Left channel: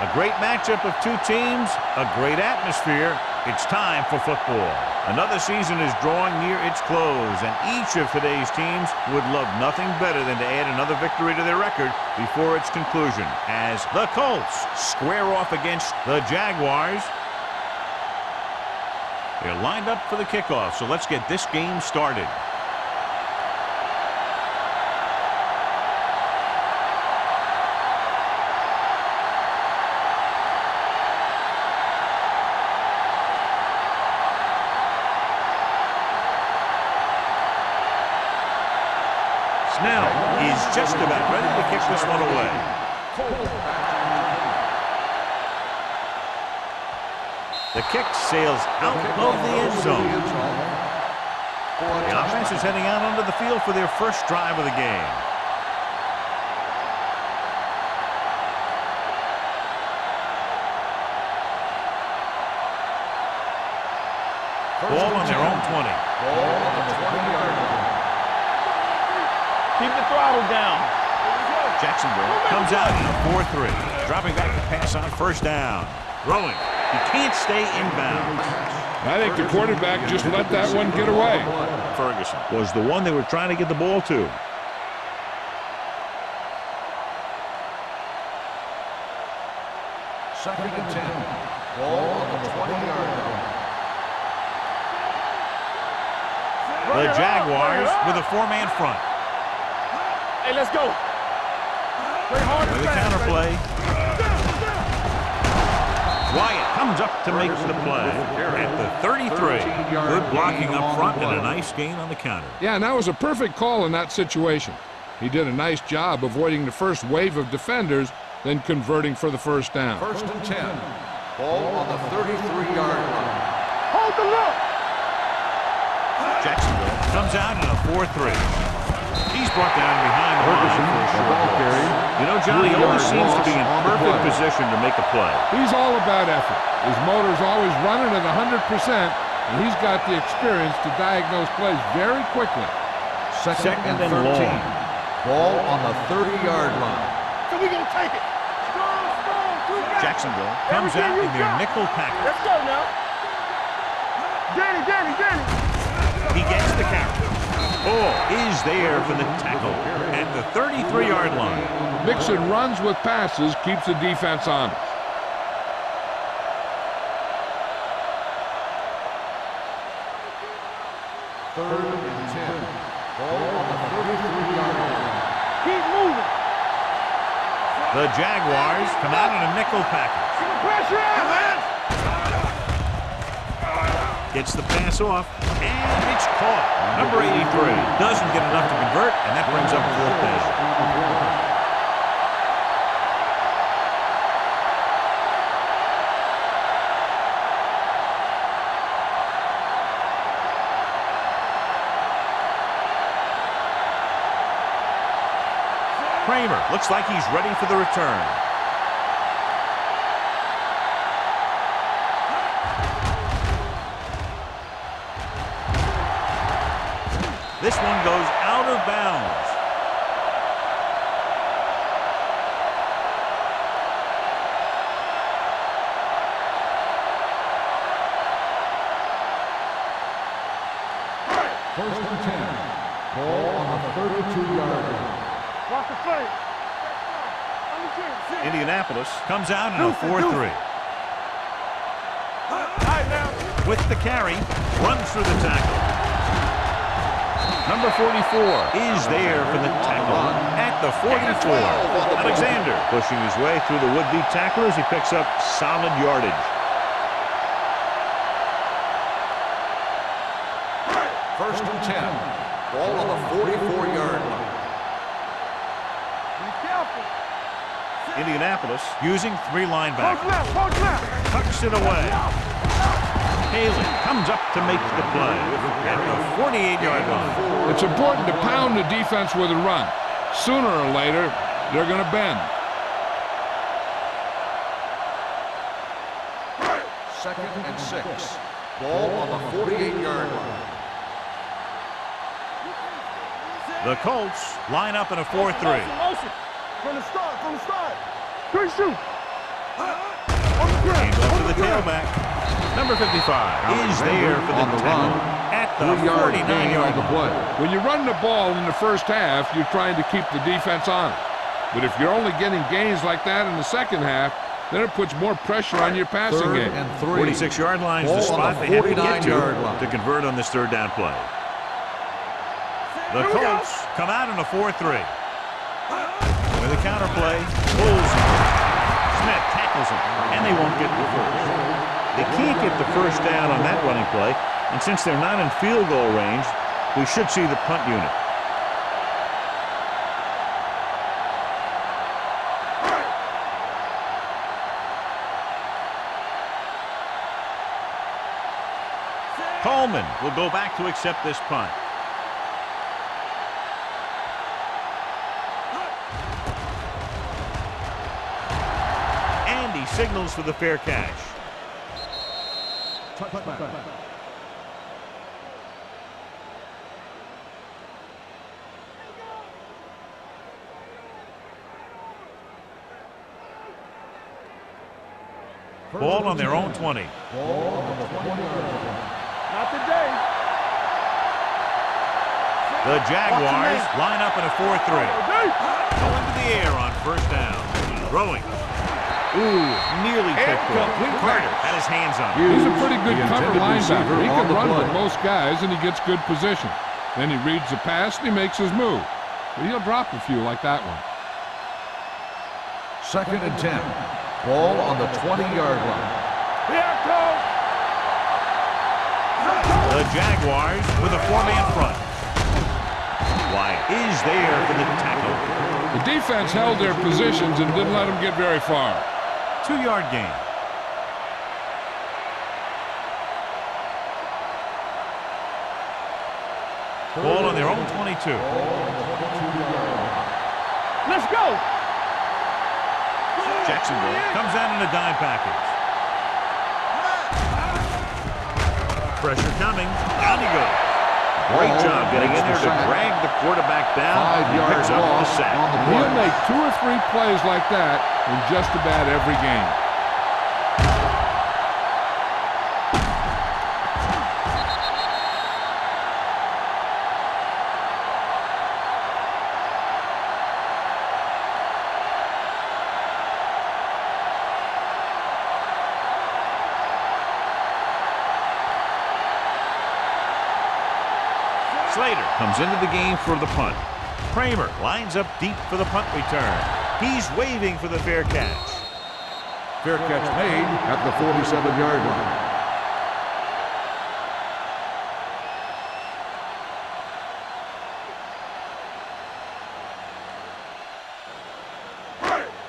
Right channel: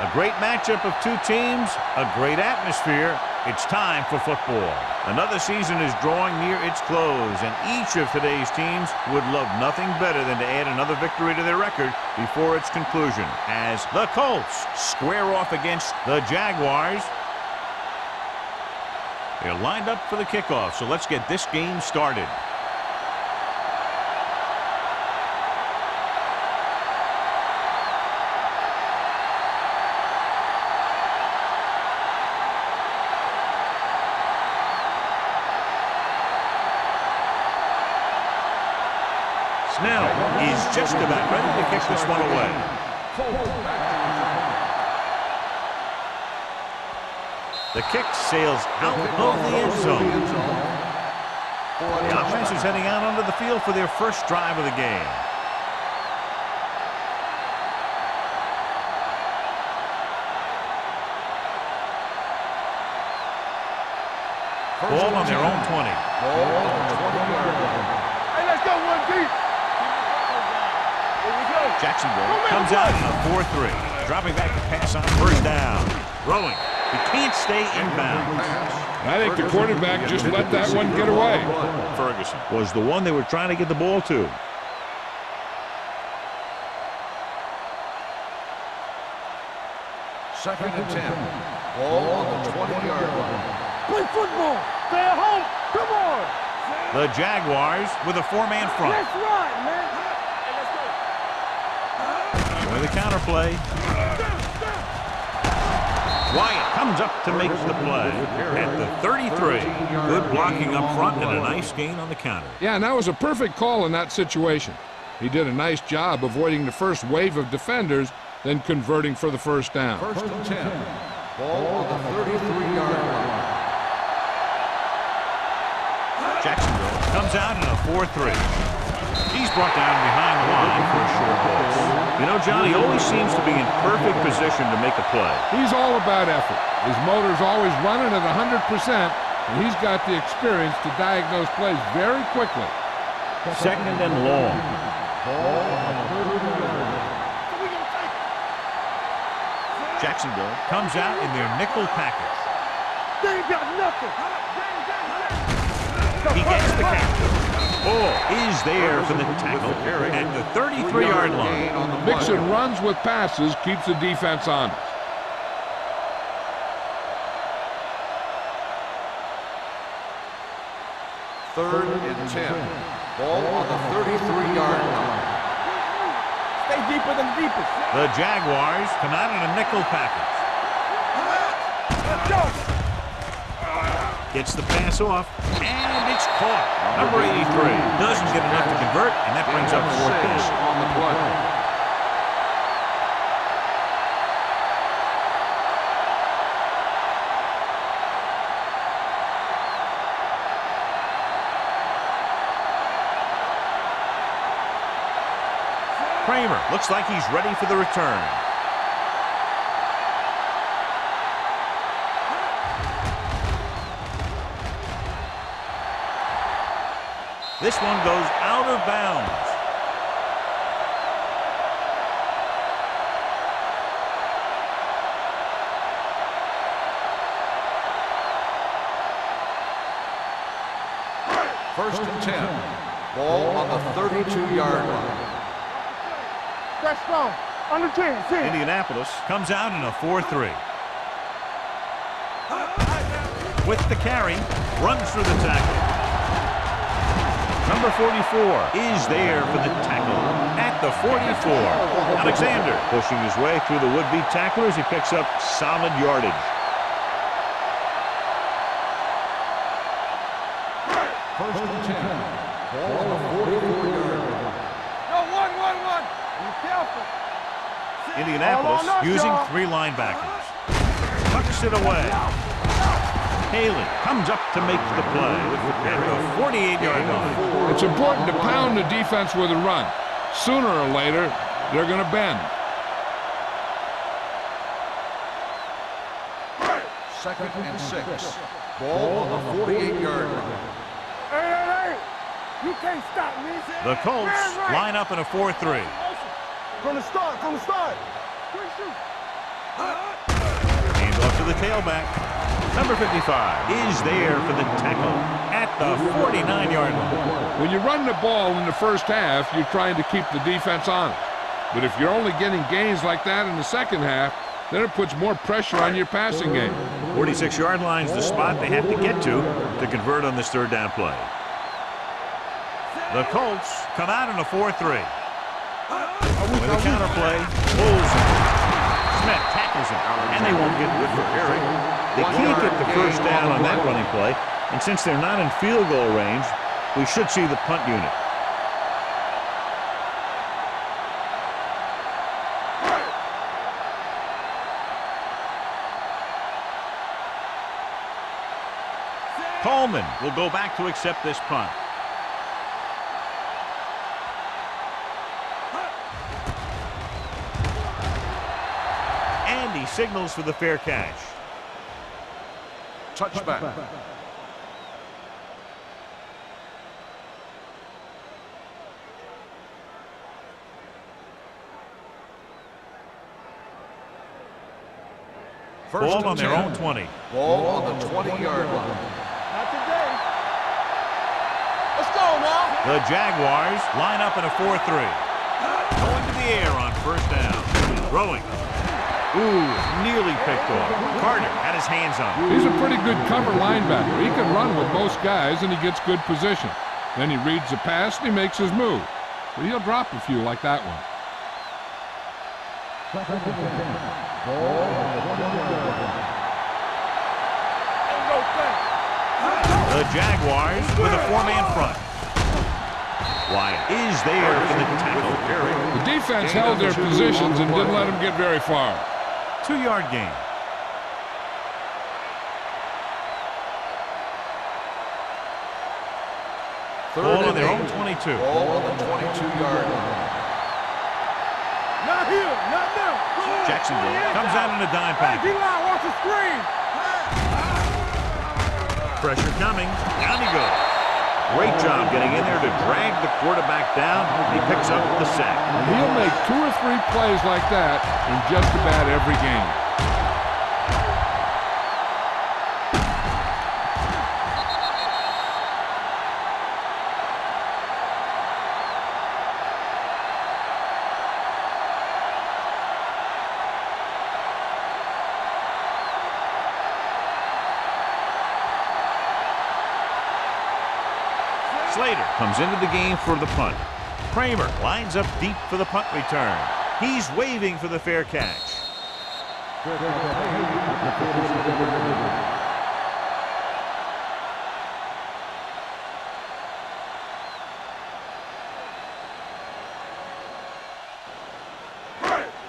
A great matchup of two teams, a great atmosphere. It's time for football. Another season is drawing near its close, and each of today's teams would love nothing better than to add another victory to their record before its conclusion, as the Colts square off against the Jaguars. They're lined up for the kickoff, so let's get this game started. Snell is just about ready to kick this one away. The kick sails out of the end zone. The offense is heading out onto the field for their first drive of the game. Ball on their own 20. Ball on the 20-yard line. Jacksonville comes out in a 4-3. Dropping back to pass on first down. Throwing. He can't stay inbounds. I think the quarterback just let that one get away. Ferguson was the one they were trying to get the ball to. Second and 10. Ball on the 20-yard line. Play football. Stay at home. Come on. The Jaguars with a four-man front. Hey, let's go. With the counterplay. Wyatt comes up to make the play at the 33. Good blocking up front and a nice gain on the counter. Yeah, and that was a perfect call in that situation. He did a nice job avoiding the first wave of defenders, then converting for the first down. First and 10. Ball on the 33-yard line. Hold the look. Jacksonville comes out in a 4-3. He's brought down behind the line for a short loss. You know, Johnny always seems to be in perfect position to make a play. He's all about effort. His motor's always running at 100%, and he's got the experience to diagnose plays very quickly. Second and long. Ball on the 30-yard line. So we gonna take it. Jacksonville comes out in their nickel package. Let's go now. They ain't got nothing. Danny. He gets the catch. Ball is there for the tackle at the 33-yard line. Mixing runs with passes keeps the defense honest. Third and 10. Ball on the 33-yard line. Keep moving. Stay deeper than deepest. The Jaguars come out in a nickel package. Pressure out. Gets the pass off, and it's caught. Number 83 doesn't get enough to convert, and that brings up fourth down. Kramer looks like he's ready for the return. This one goes out of bounds. First and 10. Ball on the 32-yard line. Watch the play. That's strong. On the 10. Indianapolis comes out in a 4-3. With the carry, runs through the tackle. Number 44 is there for the tackle at the 44. Alexander pushing his way through the would-be tacklers. He picks up solid yardage. First and 10. Ball on the 44-yard line. Be careful. Indianapolis using three linebackers. Tucks it away. Haley comes up to make the play at the 48-yard line. It's important to pound the defense with a run. Sooner or later, they're going to bend. Second and 6. Ball on the 48-yard line. Hey. You can't stop me. The Colts line up in a 4-3. From the start. Good shoot. Hand off to the tailback. Number 55 is there for the tackle at the 49-yard line. When you run the ball in the first half, you're trying to keep the defense honest. But if you're only getting gains like that in the second half, then it puts more pressure on your passing game. 46-yard line is the spot they have to get to convert on this third down play. The Colts come out in a 4-3. With a counter play, pulls him. Smith tackles him, and they won't get the first. They can't get the first down on that running play, and since they're not in field goal range, we should see the punt unit. Coleman will go back to accept this punt. And he signals for the fair catch. Touchback. Ball on their own 20. Ball on the 20-yard line. Not today. Let's go, Walt. The Jaguars line up in a 4-3. Going to the air on first down. Throwing. Ooh, nearly picked off. Carter had his hands on him. He's a pretty good cover linebacker. He can run with most guys, and he gets good position. Then he reads the pass, and he makes his move. But he'll drop a few like that one. 2nd and 10. Ball on the 20-yard line. The Jaguars with a 4-man front. Wyatt is there for the tackle. The defense held their positions and didn't let them get very far. 2-yard gain. Ball on their own 22. Ball on the 22-yard line. Let's go. Not here. Not there. Jacksonville comes out in a dime package. Pressure coming. Down he goes. Great job getting in there to drag the quarterback down. He picks up the sack. And he'll make 2 or 3 plays like that in just about every game. Slater comes into the game for the punt. Kramer lines up deep for the punt return. He's waving for the fair catch. Fair catch made at the 47-yard line.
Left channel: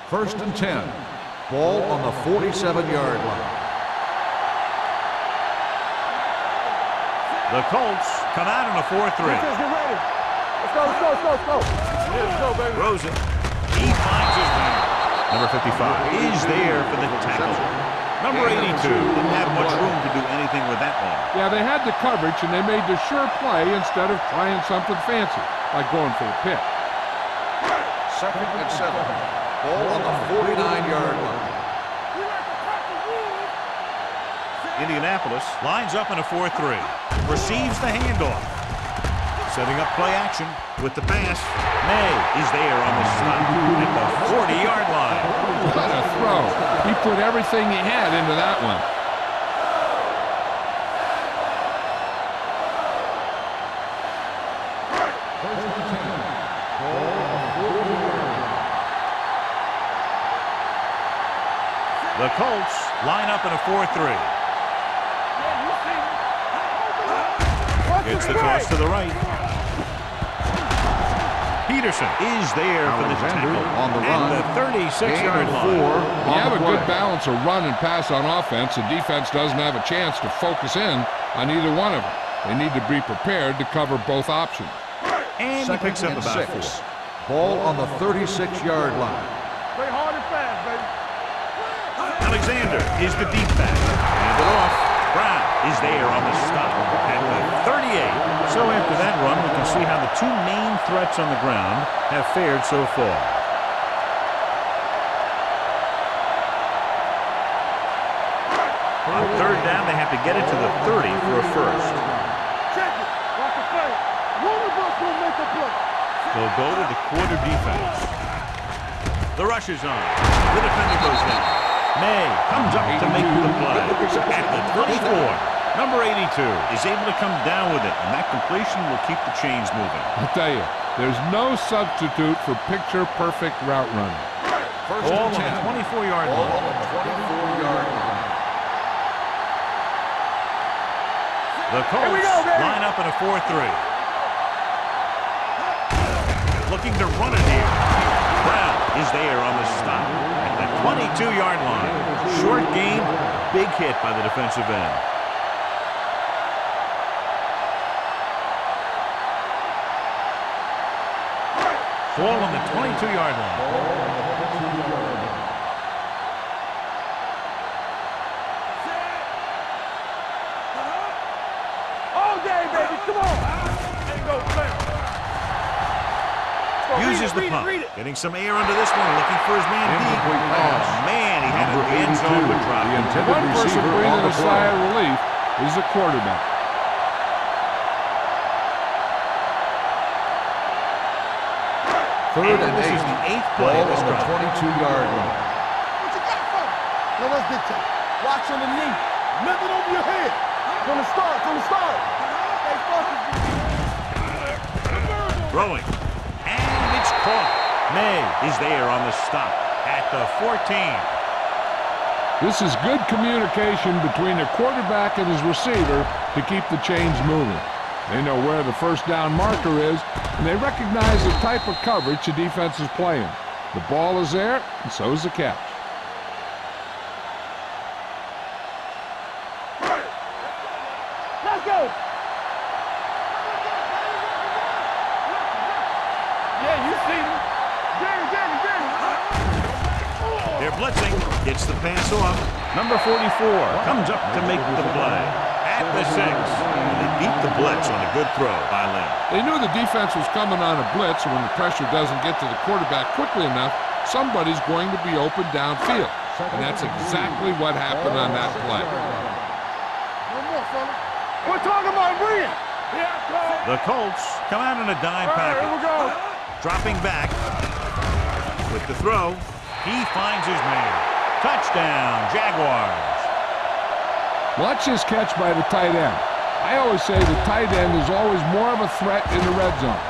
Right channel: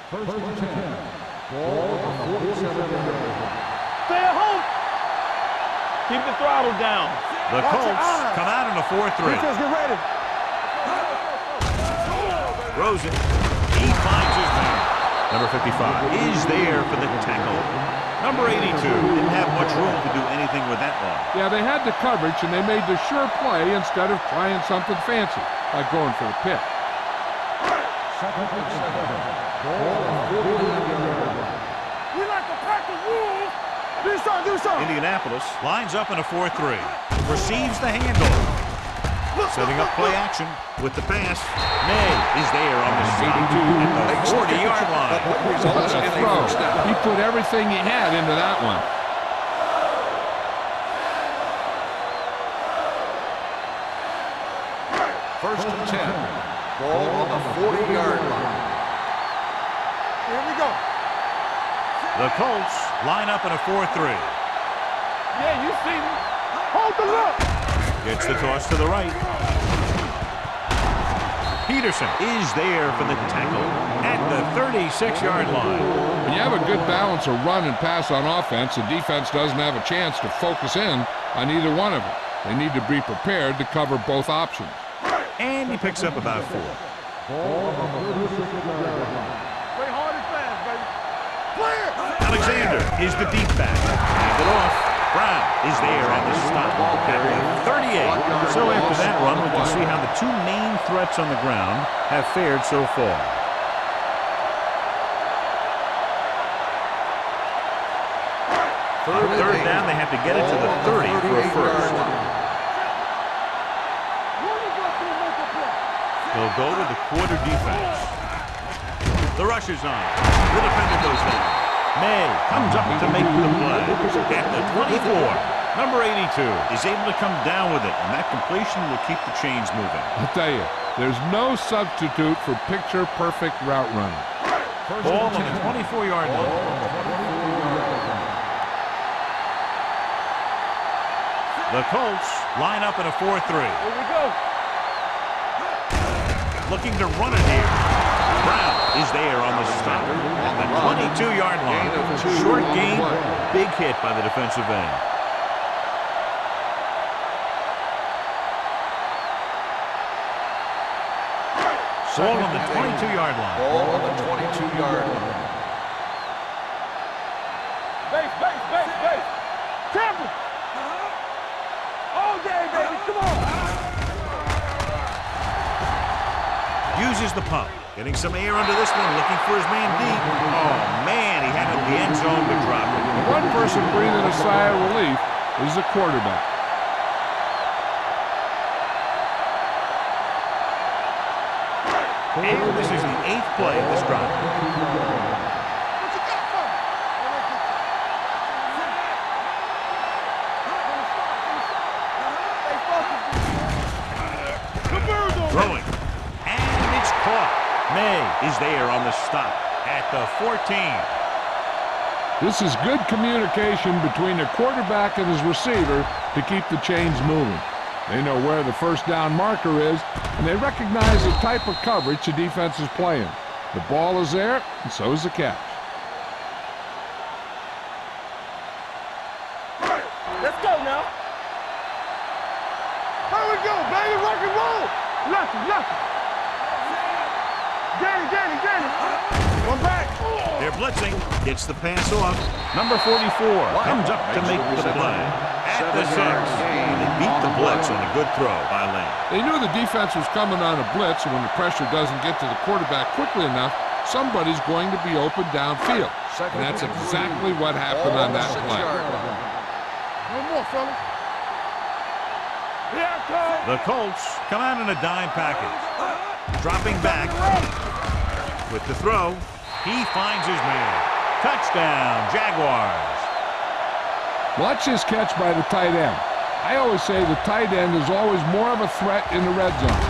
1st and 10. Ball on the 47-yard line. Stay at home. Keep the throttle down. The Colts come out in a 4-3. Defense, get ready. Let's go. Throws it. He finds his man. Number 55 is there for the tackle. Number 82 didn't have much room to do anything with that one. Yeah, they had the coverage, and they made the sure play instead of trying something fancy, like going for a pick. 2nd and 7. Ball on the 49-yard line. We like to practice rules. Do something. Indianapolis lines up in a 4-3. Receives the handoff. Setting up play action with the pass. May is there on the stop at the 40-yard line. What a throw. He put everything he had into that one. First and 10. Ball on the 40-yard line. Here we go. The Colts line up in a 4-3. Yeah, you see me. Hold the look. Gets the toss to the right. Peterson is there for the tackle at the 36-yard line. When you have a good balance of run and pass on offense, the defense doesn't have a chance to focus in on either one of them. They need to be prepared to cover both options. And he picks up about 4. Ball on the 36-yard line. Play hard and fast, baby. Alexander is the deep back. Hand it off. Brown is there on the stop at the 38. So after that run, we can see how the 2 main threats on the ground have fared so far. On third down, they have to get it to the 30 for a first. Check it. Watch the play. One of us will make a play. They'll go to the quarter defense. The rush is on. The defender goes down. May comes up to make the play. At the 24, number 82 is able to come down with it, and that completion will keep the chains moving. I'll tell you, there's no substitute for picture-perfect route running. Ball on the 24-yard line. Ball on the 24-yard line. The Colts line up in a 4-3. Here we go. Looking to run it here. Brown is there on the stop at the 22-yard line. Short gain, big hit by the defensive end. Ball on the 22-yard line. Ball on the 22-yard line. Base. Tampa. All day, baby. Come on. Uses the pump. Getting some air under this one. Looking for his man deep. Oh, man. He had it in the end zone but dropped it. One person breathing a sigh of relief is the quarterback. And this is the 8th play of this drive. 22-yard line. What you got for me? Well, that's big time. Watch on the knee. Nothing over your head. From the start. Stay focused. The birds on Throwing. And it's caught. May is there on the stop at the 14. This is good communication between the quarterback and his receiver to keep the chains moving. They know where the first down marker is, and they recognize the type of coverage the defense is playing. The ball is there, and so is the catch. Let's go now. Let's go. There we go, baby. Rock and roll. Rock. Yeah, you see. Danny. They're blitzing. Gets the pass off. Number 44 comes up to make the play at the 6. And they beat the blitz on a good throw by Lane. They knew the defense was coming on a blitz, and when the pressure doesn't get to the quarterback quickly enough, somebody's going to be open downfield. And that's exactly what happened on that play. No more, fellas. We're talking about brilliant. Yeah, The Colts come out in a dime package. Dropping back with the throw. He finds his man. Touchdown, Jaguars. Watch this catch by the tight end. I always say the tight end is always more of a threat in the red zone.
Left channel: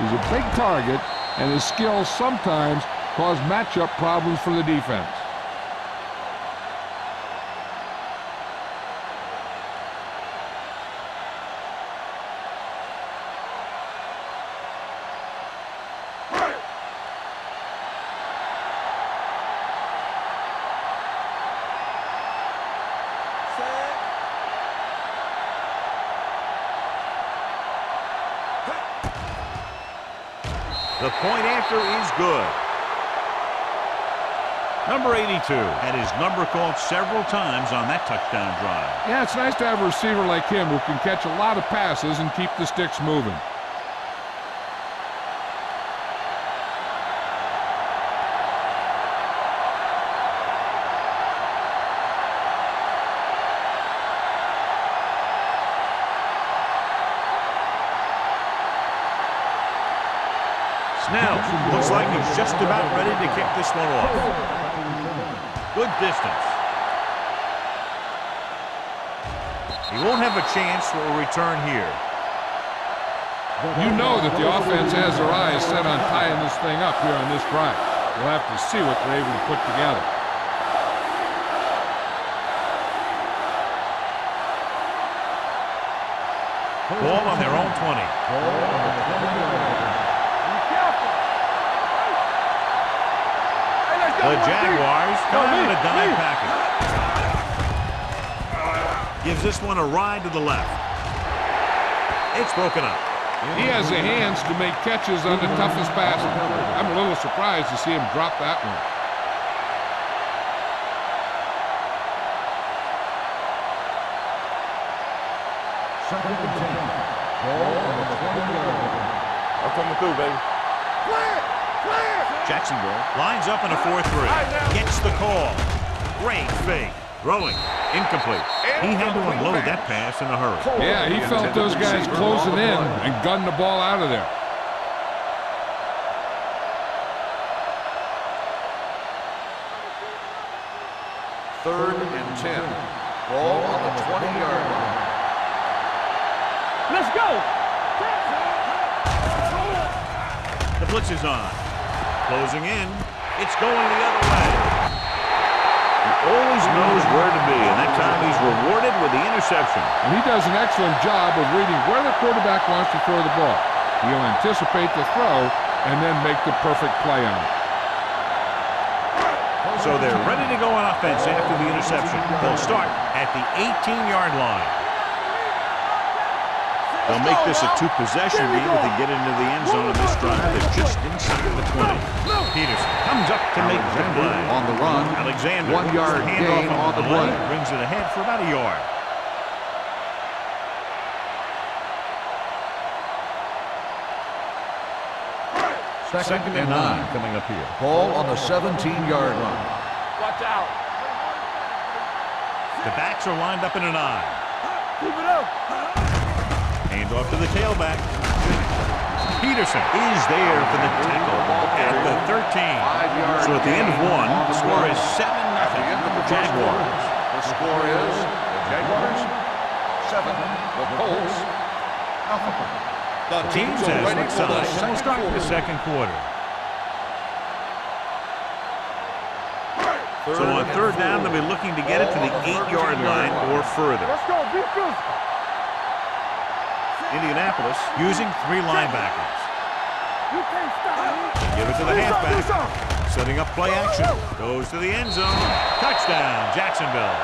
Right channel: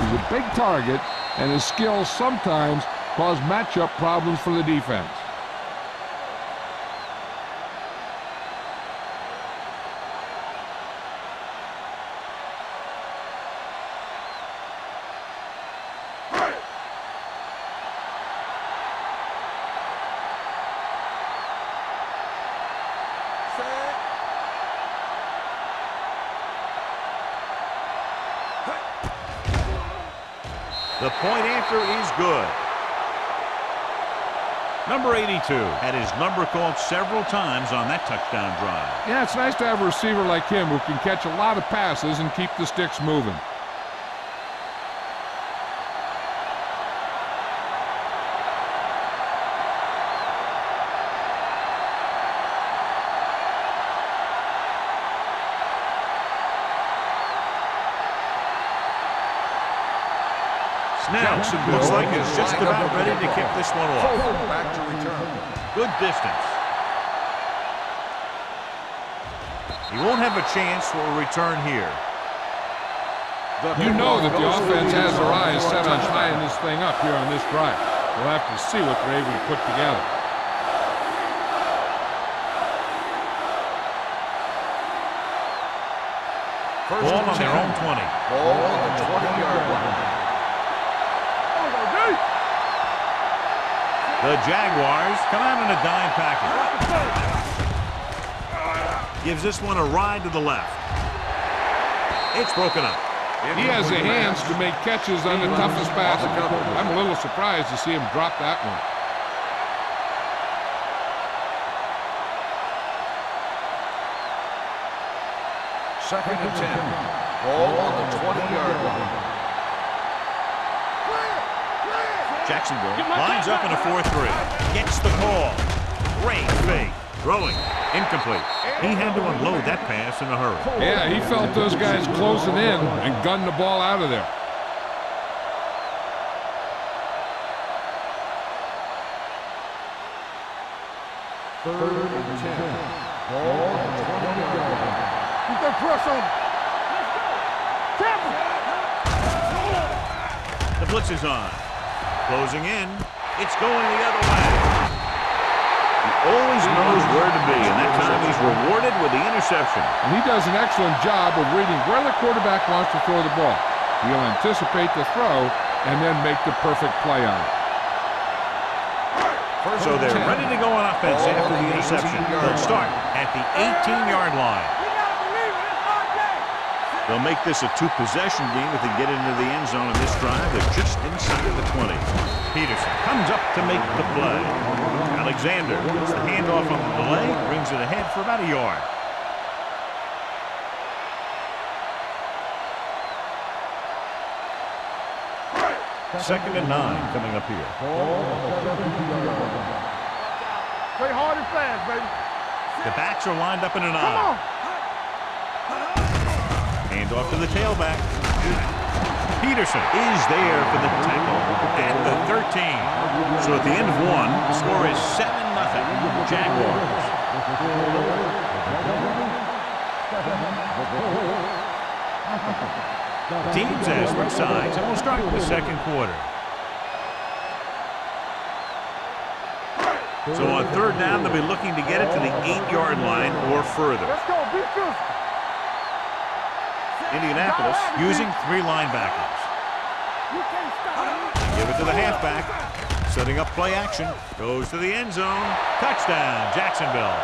He's a big target, and his skills sometimes cause matchup problems for the defense. The point after is good. Number 82 had his number called several times on that touchdown drive. Yeah, it's nice to have a receiver like him who can catch a lot of passes and keep the sticks moving. Snell looks like he's just about ready to kick this one off. Good distance. He won't have a chance for a return here. You know that the offense has their eyes set on tying this thing up here on this drive. We'll have to see what they're able to put together. Ball on their own 20. Ball on the 20-yard line. The Jaguars come out in a dime package. Gives this one a ride to the left. It's broken up. He has the hands to make catches on the toughest passes. I'm a little surprised to see him drop that one. Second and 10. Ball on the 20-yard line. I'm coming through, baby. Clear! Jacksonville lines up in a 4-3. Gets the call. Great fake. Throwing. Incomplete. He had to unload that pass in a hurry. Yeah, he felt those guys closing in and gunned the ball out of there. Third and 10. Ball on the 20-yard line. Keep that press on. Let's go. The blitz is on. Closing in. It's going the other way. He always knows where to be, and that time he's rewarded with the interception. And he does an excellent job of reading where the quarterback wants to throw the ball. He'll anticipate the throw and then make the perfect play on it. So they're ready to go on offense after the interception. They'll start at the 18-yard line. They'll make this a two-possession game if they get into the end zone in this drive. They're just inside the 20. Peterson comes up to make the play. On the run. Alexander gets the handoff on the delay, brings it ahead for about a yard. Second and 9 coming up here. Ball on the 17-yard line. Watch out. Play hard and fast, baby. The backs are lined up in an eye. Keep it up. Handoff to the tailback. Peterson is there for the tackle at the 13. So at the end of one, the score is 7-0. Jaguars. The score is the Jaguars 7, the Colts nothing. The teams as switch sides, and we'll start the second quarter. So on third down, they'll be looking to get it to the 8-yard line or further. Let's go. Be physical. Indianapolis using 3 linebackers. You can't stop me. Give it to the halfback. Setting up play action. Goes to the end zone. Touchdown, Jacksonville.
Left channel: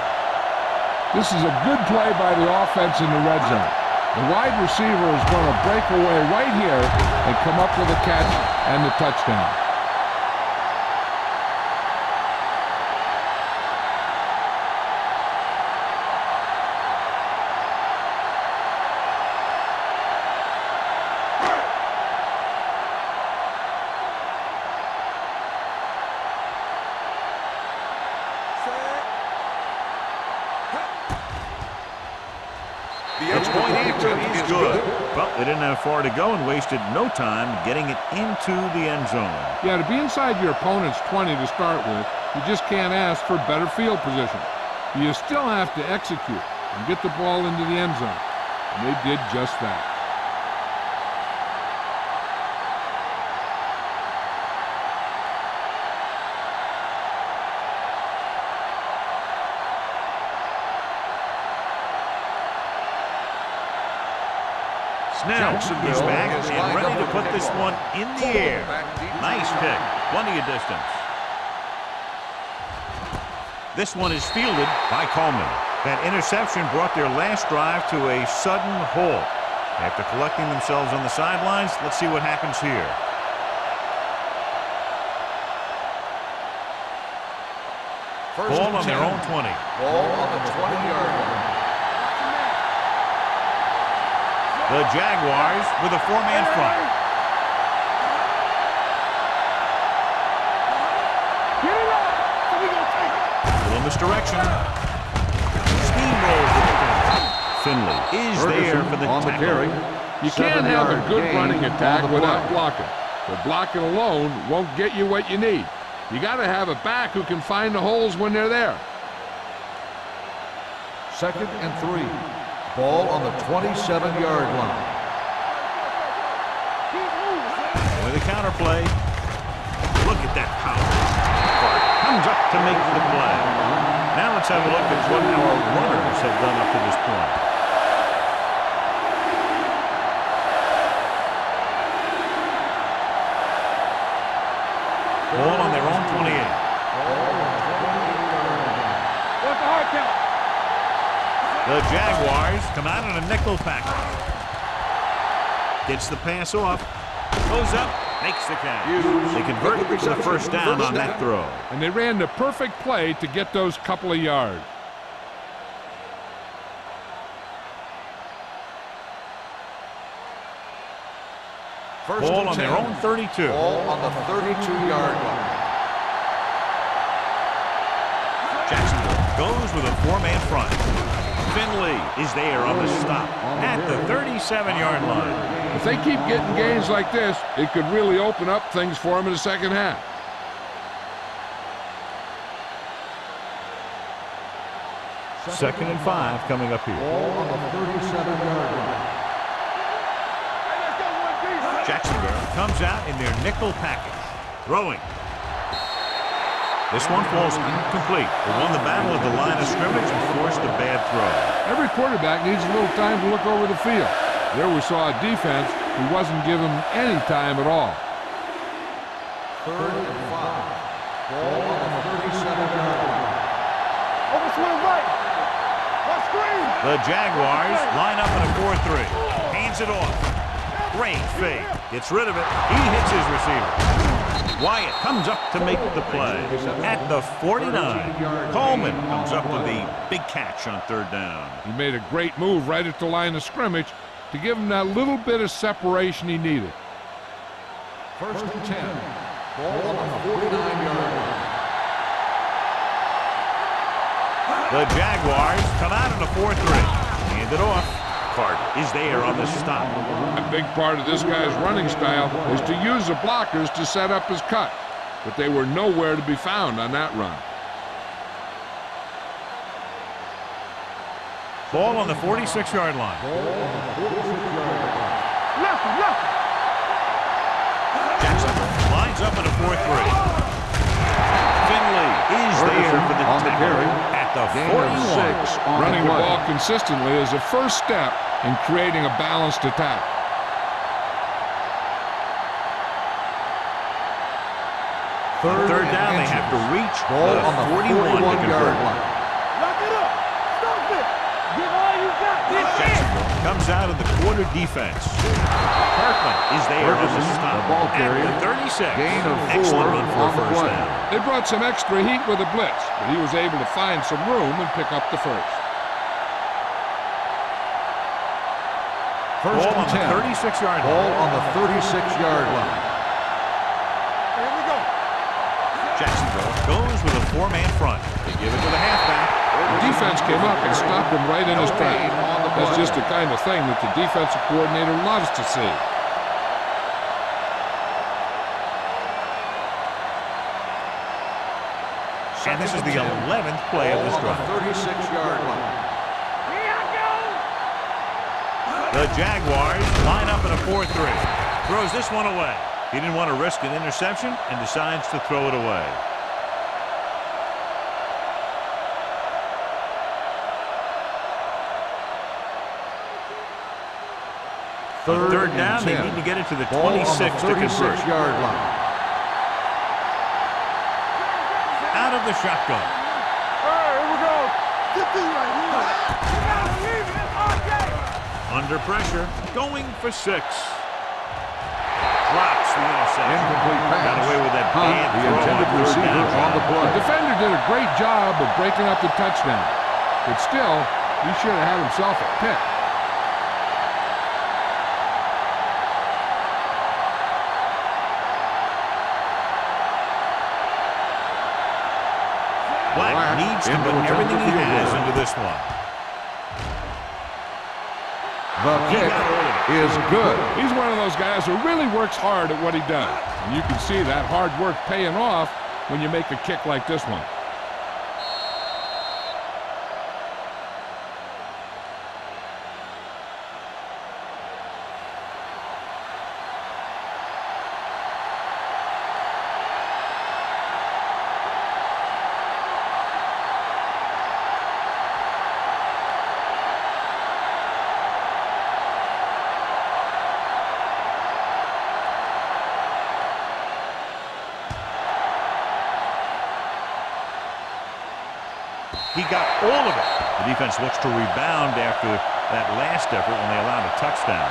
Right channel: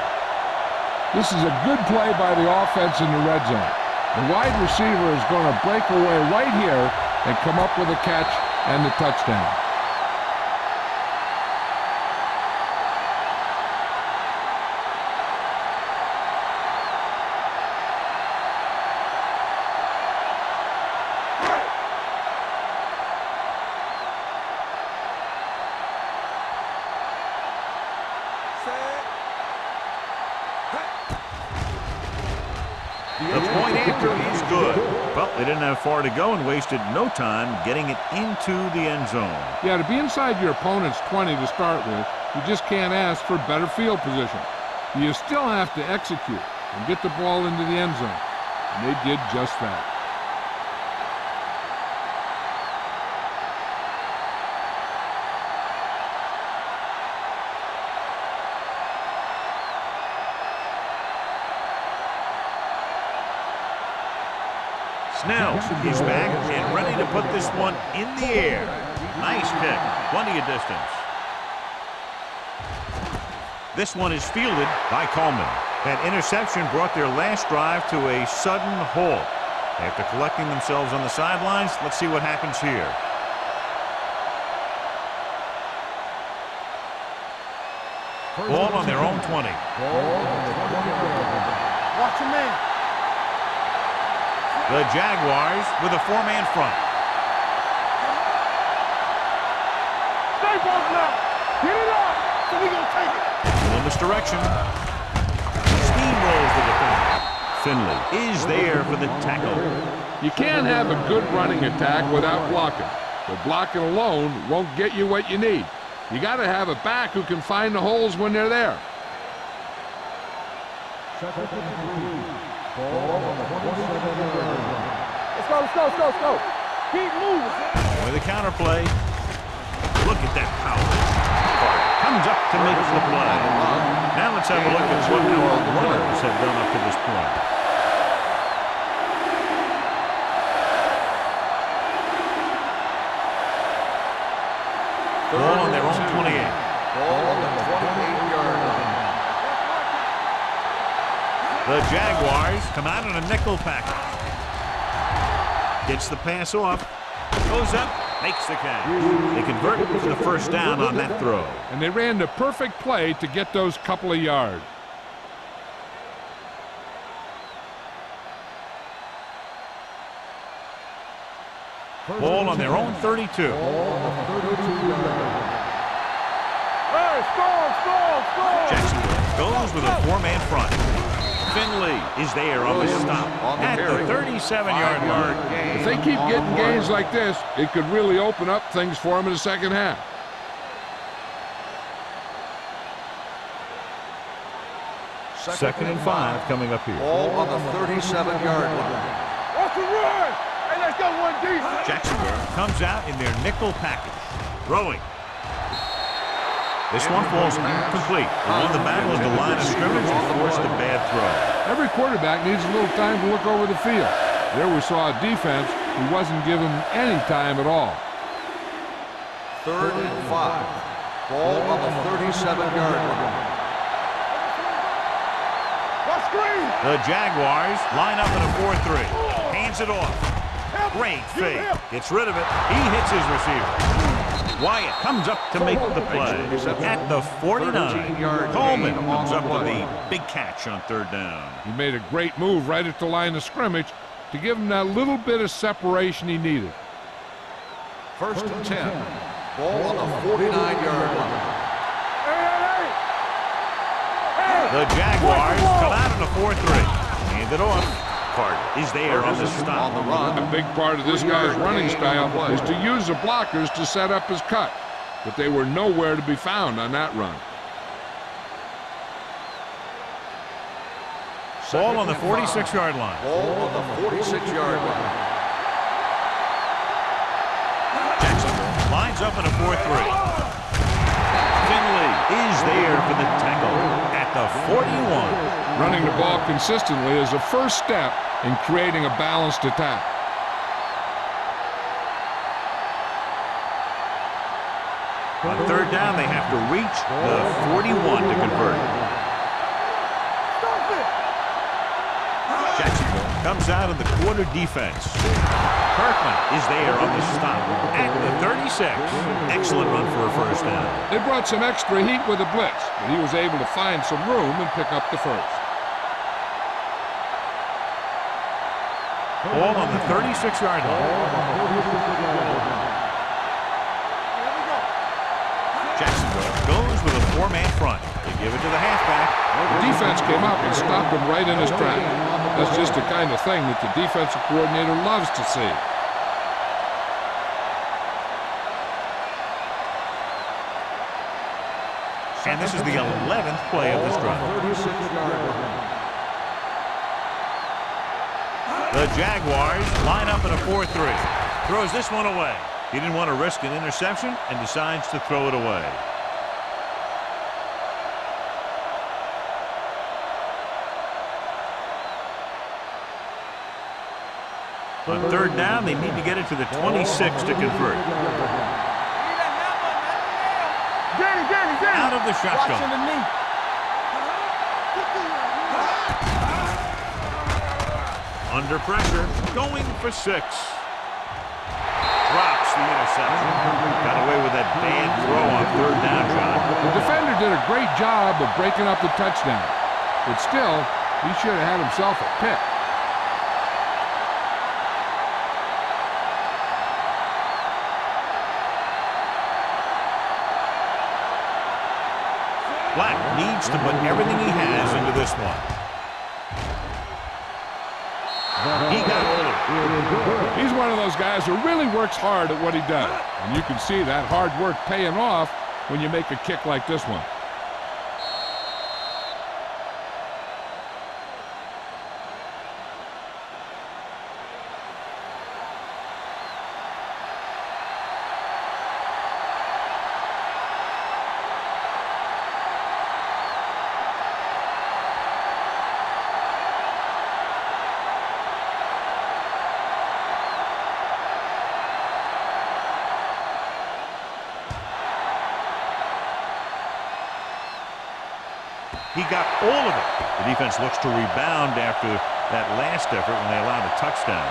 This is a good play by the offense in the red zone. The wide receiver is going to break away right here and come up with a catch and the touchdown. The point after is good. Well, they didn't have far to go and wasted no time getting it into the end zone. Yeah, to be inside your opponent's 20 to start with, you just can't ask for better field position. You still have to execute and get the ball into the end zone. And they did just that. Snell is back and ready to put this one in the air. Nice pick. Plenty of distance. This one is fielded by Coleman. That interception brought their last drive to a sudden halt. After collecting themselves on the sidelines, let's see what happens here. Ball on their own 20. Ball on the 20-yard line. Watch your man. The Jaguars with a 4-man front. Get it up. So we gonna take it. Little misdirection. Steamrolls the defender. Finley is there for the tackle. You can't have a good running attack without blocking. But blocking alone won't get you what you need. You got to have a back who can find the holes when they're there. Second and 3. Ball on the 27-yard line. Let's go. Keep moving. With a counterplay. Look at that power. Carter comes up to make the play. Now let's have a look at what our runners have done up to this point. Ball on their own 28. Ball on the 28-yard line. What's the hard count? The Jaguars come out in a nickel package. Gets the pass off. Goes up. Makes the catch. They convert to the first down on that throw. And they ran the perfect play to get those couple of yards. Ball on their own 32. Ball on the 32-yard line. Jacksonville goes with a 4-man front. Finley is there on the stop at the 37-yard line. If they keep getting gains like this, it could really open up things for them in the second half. Second and 5 coming up here. Ball on the 37-yard line. Off the run. Hey, let's go one deep. Jacksonville comes out in their nickel package. Throwing. This one falls incomplete. They won the battle at the line of scrimmage and forced a bad throw. Every quarterback needs a little time to look over the field. There we saw a defense who wasn't given any time at all. 3rd and 5. Ball on the 37-yard line. The Jaguars line up in a 4-3. Hands it off. Great fake. Gets rid of it. He hits his receiver. Wyatt comes up to make the play at the 49. Coleman comes up with the big catch on 3rd down. He made a great move right at the line of scrimmage to give him that little bit of separation he needed. 1st and 10. Ball on the 49-yard line. The Jaguars come out in a 4-3. Hand it off. Carter is there on the stop. A big part of this guy's running style is to use the blockers to set up his cut, but they were nowhere to be found on that run. Ball on the 46-yard line. Ball on the 46-yard line. Jacksonville lines up in a 4-3. Finley is there for the tackle at the 41. Running the ball consistently is the first step in creating a balanced attack. On 3rd down, they have to reach the 41 to convert. Jacksonville comes out of the quarter defense. Kirkland is there on the stop at the 36. Excellent run for a 1st down. They brought some extra heat with a blitz, but he was able to find some room and pick up the first. Ball on the 36-yard line. Ball on the 36-yard line. Here we go. Jacksonville goes with a 4-man front. They give it to the halfback. The defense came up and stopped him right in his tracks. That's just the kind of thing that the defensive coordinator loves to see. And this is the 11th play of this drive. 36-yard line. The Jaguars line up in a 4-3. Throws this one away. He didn't want to risk an interception and decides to throw it away. On 3rd down, they need to get it to the 26 to convert. Out of the shotgun. Under pressure, going for 6. Drops the interception. Got away with that bad throw on 3rd down, John. The defender did a great job of breaking up the touchdown, but still, he should have had himself a pick. Black needs to put everything he has into this one. He got all of it. Is good. He's one of those guys who really works hard at what he does, and you can see that hard work paying off when you make a kick like this one. He got all of it. The defense looks to rebound after that last effort when they allowed a touchdown.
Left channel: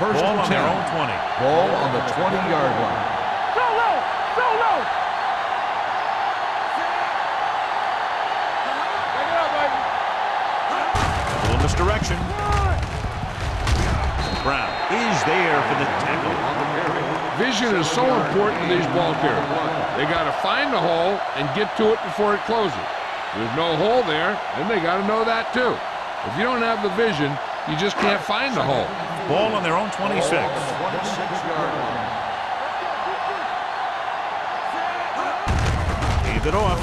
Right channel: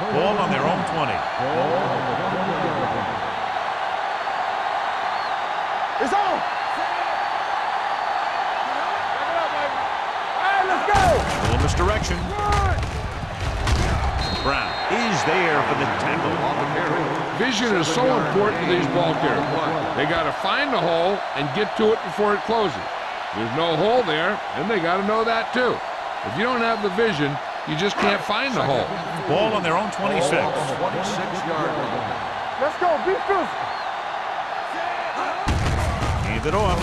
Ball on their own 20. Ball on the 20-yard line. Solo! It's on! Back it up, baby. Hey, let's go! A little misdirection. Brown is there for the tackle. On the carry. Vision is so important to these ball carriers. They got to find the hole and get to it before it closes. There's no hole there, and they got to know that too. If you don't have the vision, you just can't find the hole. Ball on their own 26. Ball on the 26-yard line. Let's go. Be physical. Hand it off.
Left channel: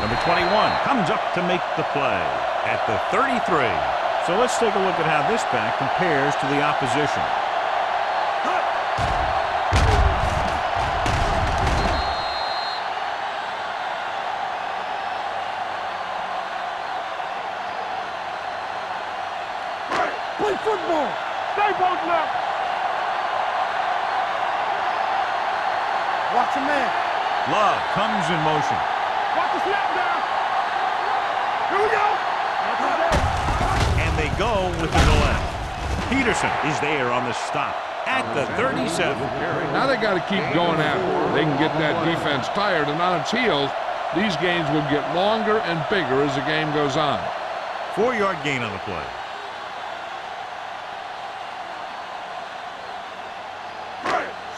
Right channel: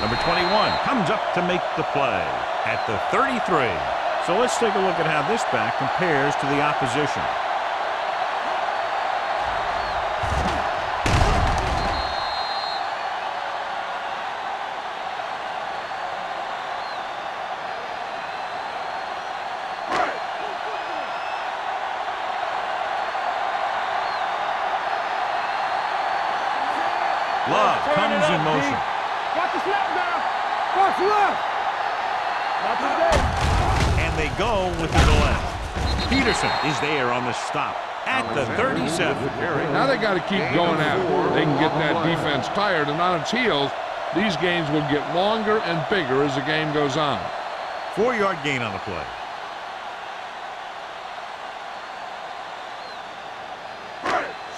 Number 21 comes up to make the play at the 33. So let's take a look at how this back compares to the opposition. Play football. Stay both left. Watch the man. Love comes in motion. Watch the snap down. Watch left. Here we go. Not today. And they go with the left. Peterson is there on the stop at the 37. Now they got to keep going at it. They can get that defense tired and on its heels. These gains will get longer and bigger as the game goes on. 4-yard gain on the play.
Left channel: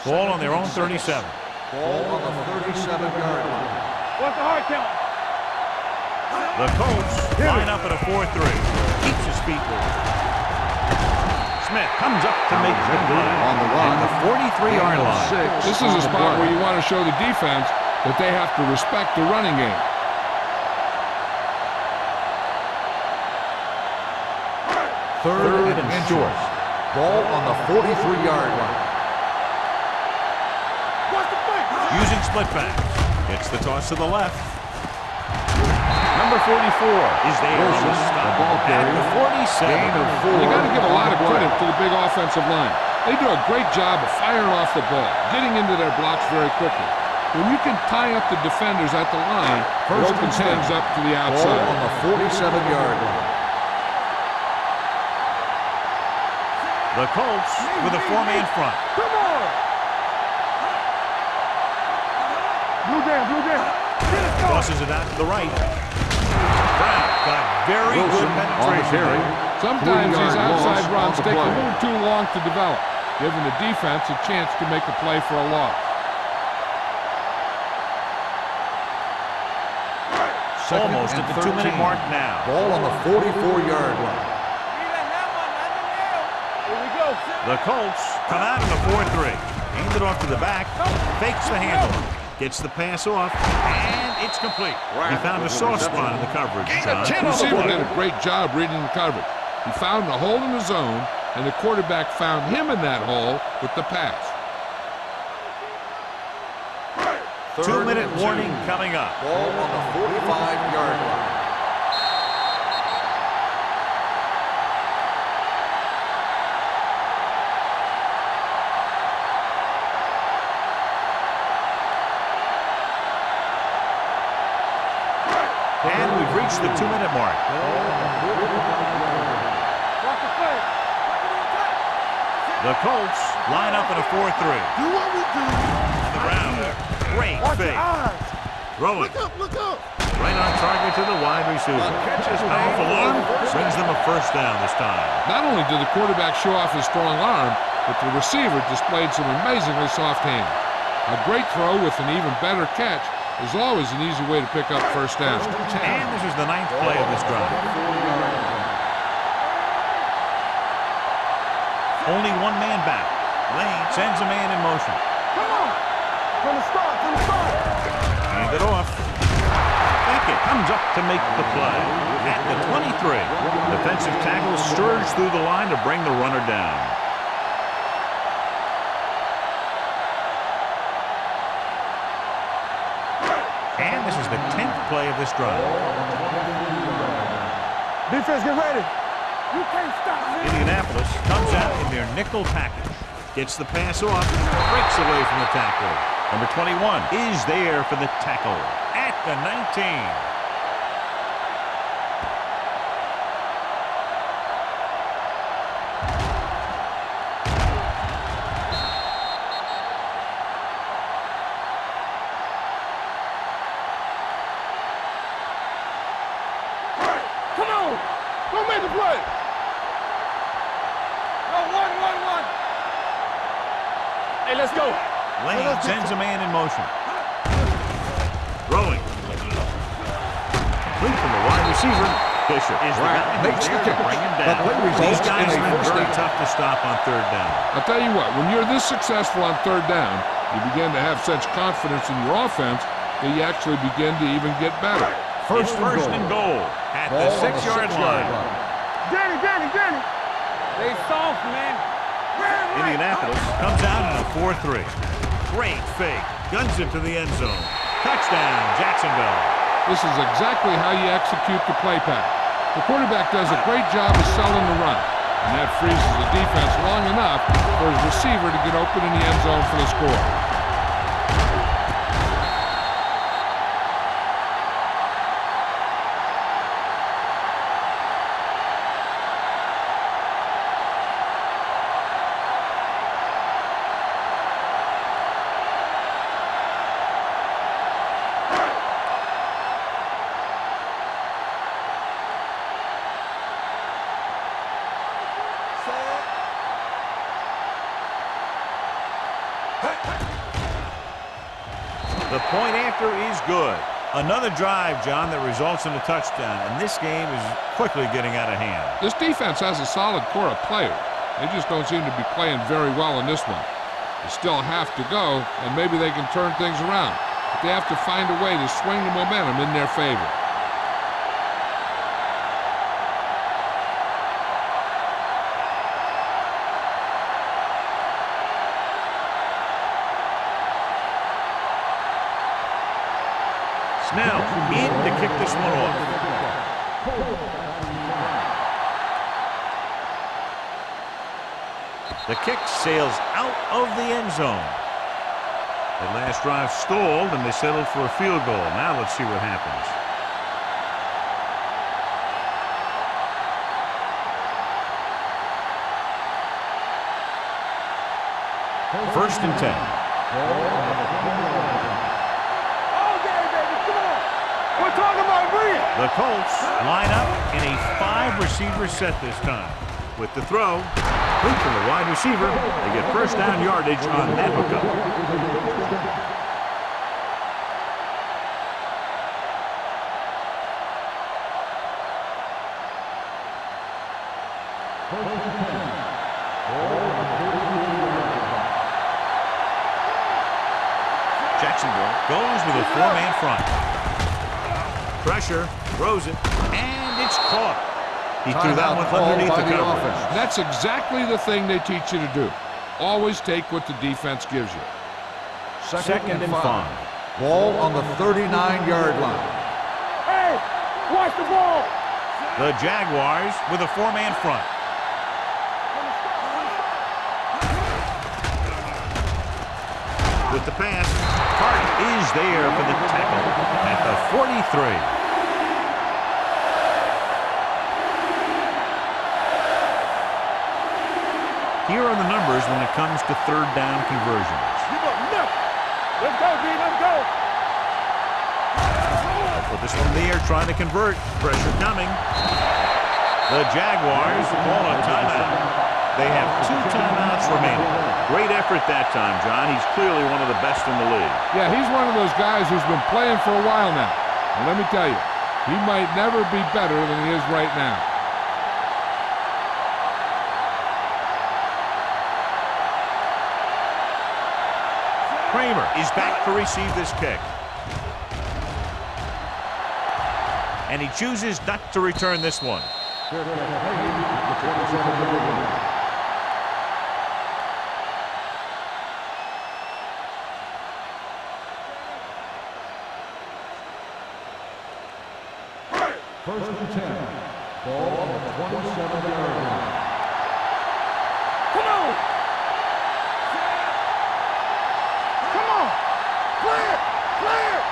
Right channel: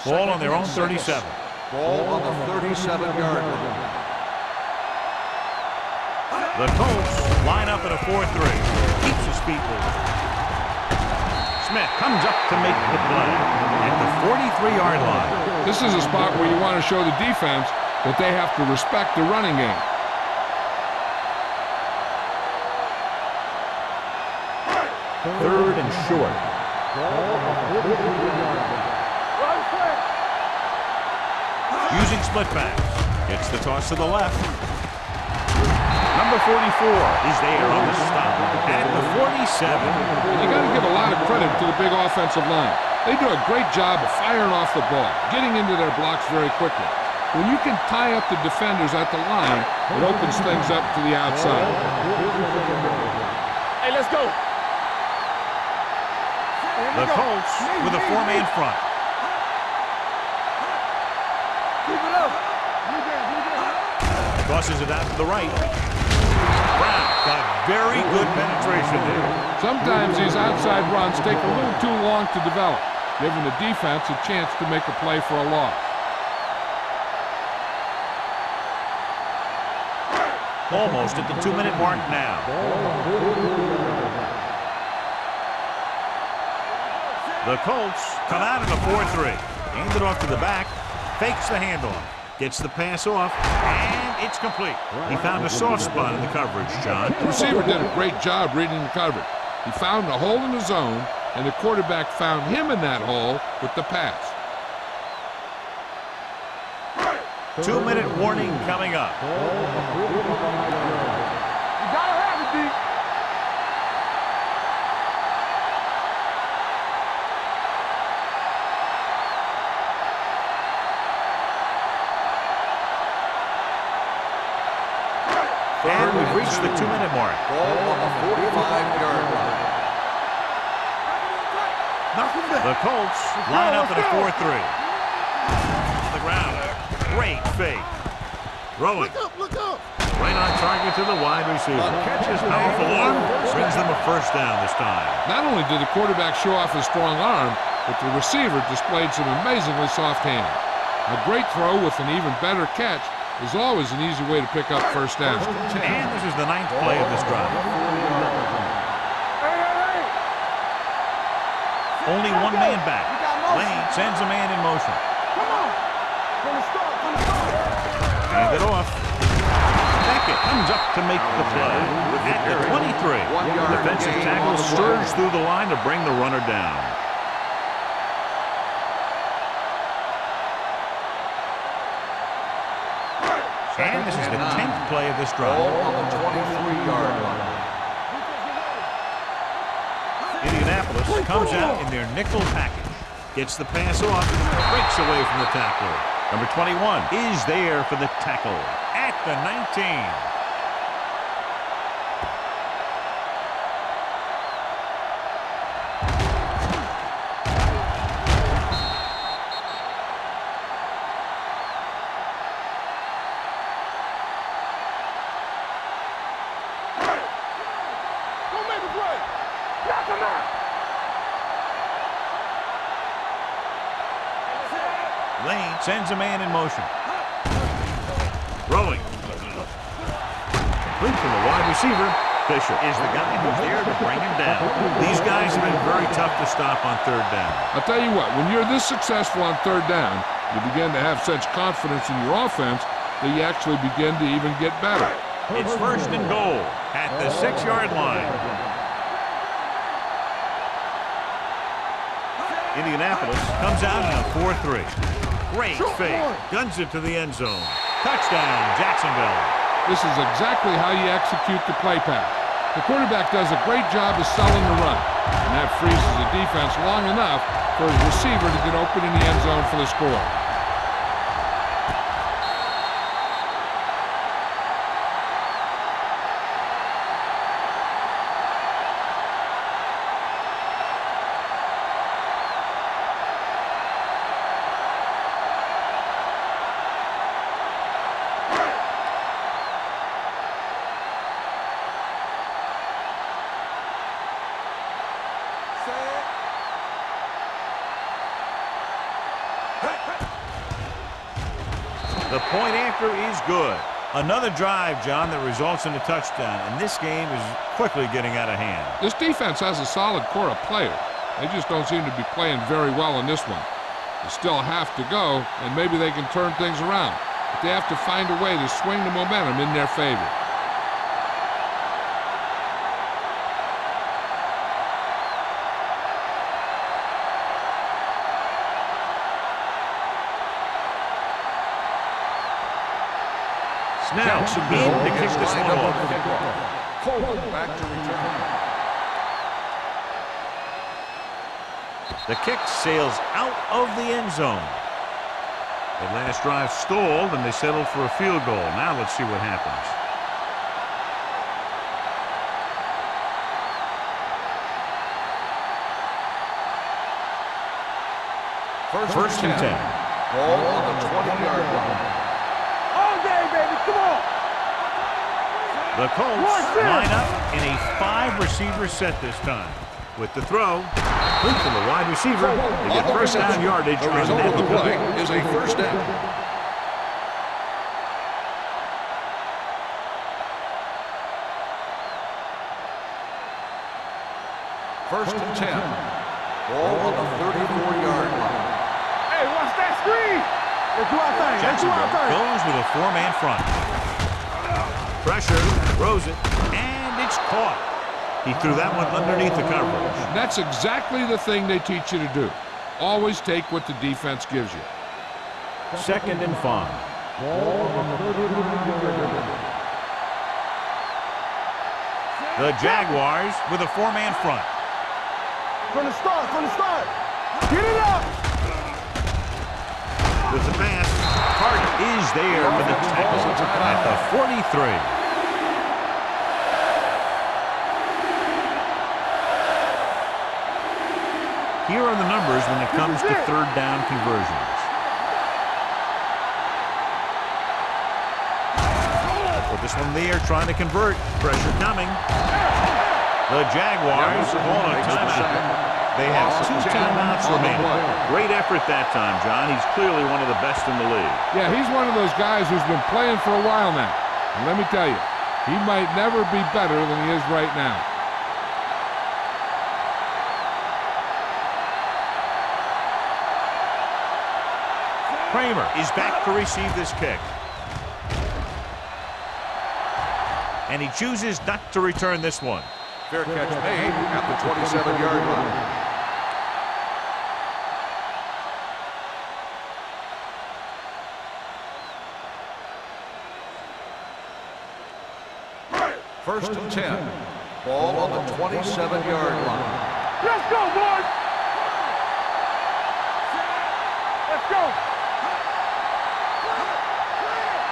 Ball on their own 37. Ball on the 37-yard line. Watch the hard count. The Colts line up at a 4-3. Keeps his feet moving. Smith comes up to make the play at the 43-yard line. This is a spot where you want to show the defense that they have to respect the running game. Third and short. Ball on the 43-yard line. Using split backs. Gets the toss to the left. Number 44 is there on the stop at the 47. And you got to give a lot of credit to the big offensive line. They do a great job of firing off the ball, getting into their blocks very quickly. When you can tie up the defenders at the line, it opens things up to the outside. Ball on the 47-yard line. Hey, let's go. The Colts with a 4-man front. Come on. Blue down. Tosses it out to the right. Brown got very good penetration there. Sometimes these outside runs take a little too long to develop, giving the defense a chance to make a play for a loss. Almost at the 2-minute mark now. Ball on the 44-yard line. Here we go. The Colts come out in a 4-3. Hand it off to the back. Fakes the handoff. Gets the pass off. And it's complete. He found a soft spot in the coverage, John. The receiver did a great job reading the coverage. He found a hole in the zone, and the quarterback found him in that hole with the pass. 2-minute warning coming up. Ball on the 45-yard line. And we've reached the 2-minute mark. Ball on the 45-yard line. Watch the play. Back it in tight. Knock it in. The Colts line up in a 4-3. On the ground, a great fake. Throwing. Look up. Right on target to the wide receiver. Powerful arm brings them a first down this time. Not only did the quarterback show off his strong arm, but the receiver displayed some amazingly soft hands. A great throw with an even better catch is always an easy way to pick up first down. And this is the 9th play of this drive. 4-yard line. Hey. Only one man back. Lane sends a man in motion. Come on. From the start. Hand it off. Beckett comes up to make the play at the 23. Defensive tackle surged through the line to bring the runner down. And this is the 10th play of this drive. Ball on the 23-yard line. Defense, get ready. You can't stop. Indianapolis comes out in their nickel package. Gets the pass off, breaks away from the tackler. Number 21 is there for the tackle at the 19. Come on. Go make the play. Hey, let's go. Lane sends a man in motion. Throwing. Complete from the wide receiver. Fisher is the guy who's there to bring him down. These guys have been very tough to stop on third down. I'll tell you what, when you're this successful on third down, you begin to have such confidence in your offense that you actually begin to even get better. It's first and goal at the 6-yard line. Danny. They soft, man. Indianapolis comes out in a 4-3. Great fake. Guns it to the end zone. Touchdown, Jacksonville. This is exactly how you execute the play pass. The quarterback does a great job of selling the run, and that freezes the defense long enough for his receiver to get open in the end zone for the score. The point after is good. Another drive, John, that results in a touchdown, and this game is quickly getting out of hand. This defense has a solid core of players. They just don't seem to be playing very well in this one. They still have to go, and maybe they can turn things around. But they have to find a way to swing the momentum in their favor. Snell in to kick this one off. The kick sails out of the end zone. That last drive stalled, and they settled for a field goal. Now let's see what happens. First and 10. Ball on the 20-yard line. All day, baby. Come on. We're talking about green. The Colts line up in a 5-receiver set this time. With the throw, complete to the wide receiver. They get first down yardage on that hookup. Is a first down. First and 10. Ball on the 34-yard line. Hey, watch that screen. Jacksonville goes with a 4-man front. Pressure, throws it, and it's caught. He threw that one underneath the coverage. That's exactly the thing they teach you to do. Always take what the defense gives you. Second and 5. Ball on the 39-yard line. Hey, watch the ball. The Jaguars with a 4-man front. From the start. Get it up. With the pass, Carter is there for the tackle at the 43. Here are the numbers when it comes to third down conversions. Give up nothing. Let's go, D. Let's go. Put this one in the air, trying to convert. Pressure coming. The Jaguars call a timeout. They have 2 timeouts remaining. Great effort that time, John. He's clearly one of the best in the league. Yeah, he's one of those guys who's been playing for a while now. And let me tell you, he might never be better than he is right now. Kramer is back to receive this kick. And he chooses not to return this one. Fair catch made at the 27-yard line. First and 10. Ball on the 27-yard line. Let's go, boys. Come on. Let's go. Come on. Clear.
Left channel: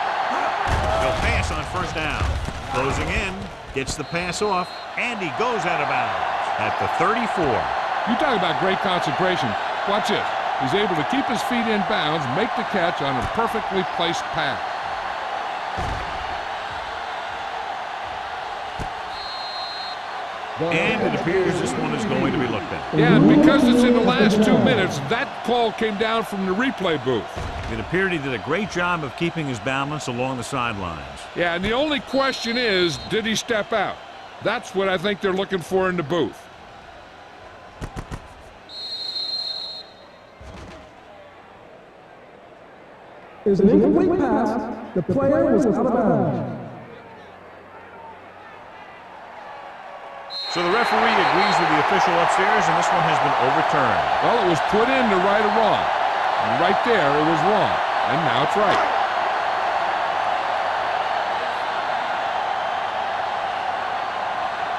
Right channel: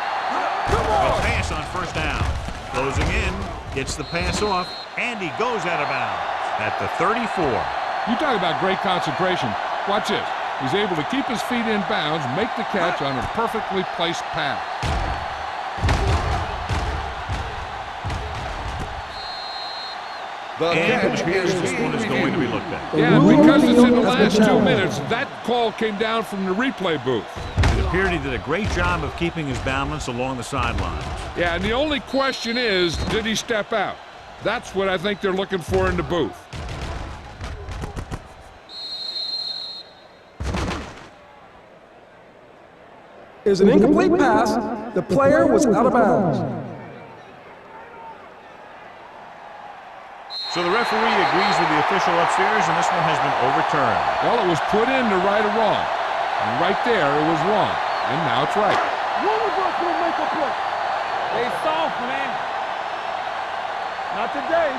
They'll pass on first down. Closing in, gets the pass off, and he goes out of bounds at the 34. You talk about great concentration. Watch this. He's able to keep his feet in bounds, make the catch on a perfectly placed pass. And it appears this one is going to be looked at. Yeah, and because it's in the last 2 minutes, that call came down from the replay booth. It appeared he did a great job of keeping his balance along the sidelines. Yeah, and the only question is, did he step out? That's what I think they're looking for in the booth. Is an incomplete pass. The player was out of bounds. So the referee agrees with the official upstairs, and this one has been overturned. Well, it was put in to right or wrong. And right there, it was wrong. And now it's right. Hey, soft, man. Not today.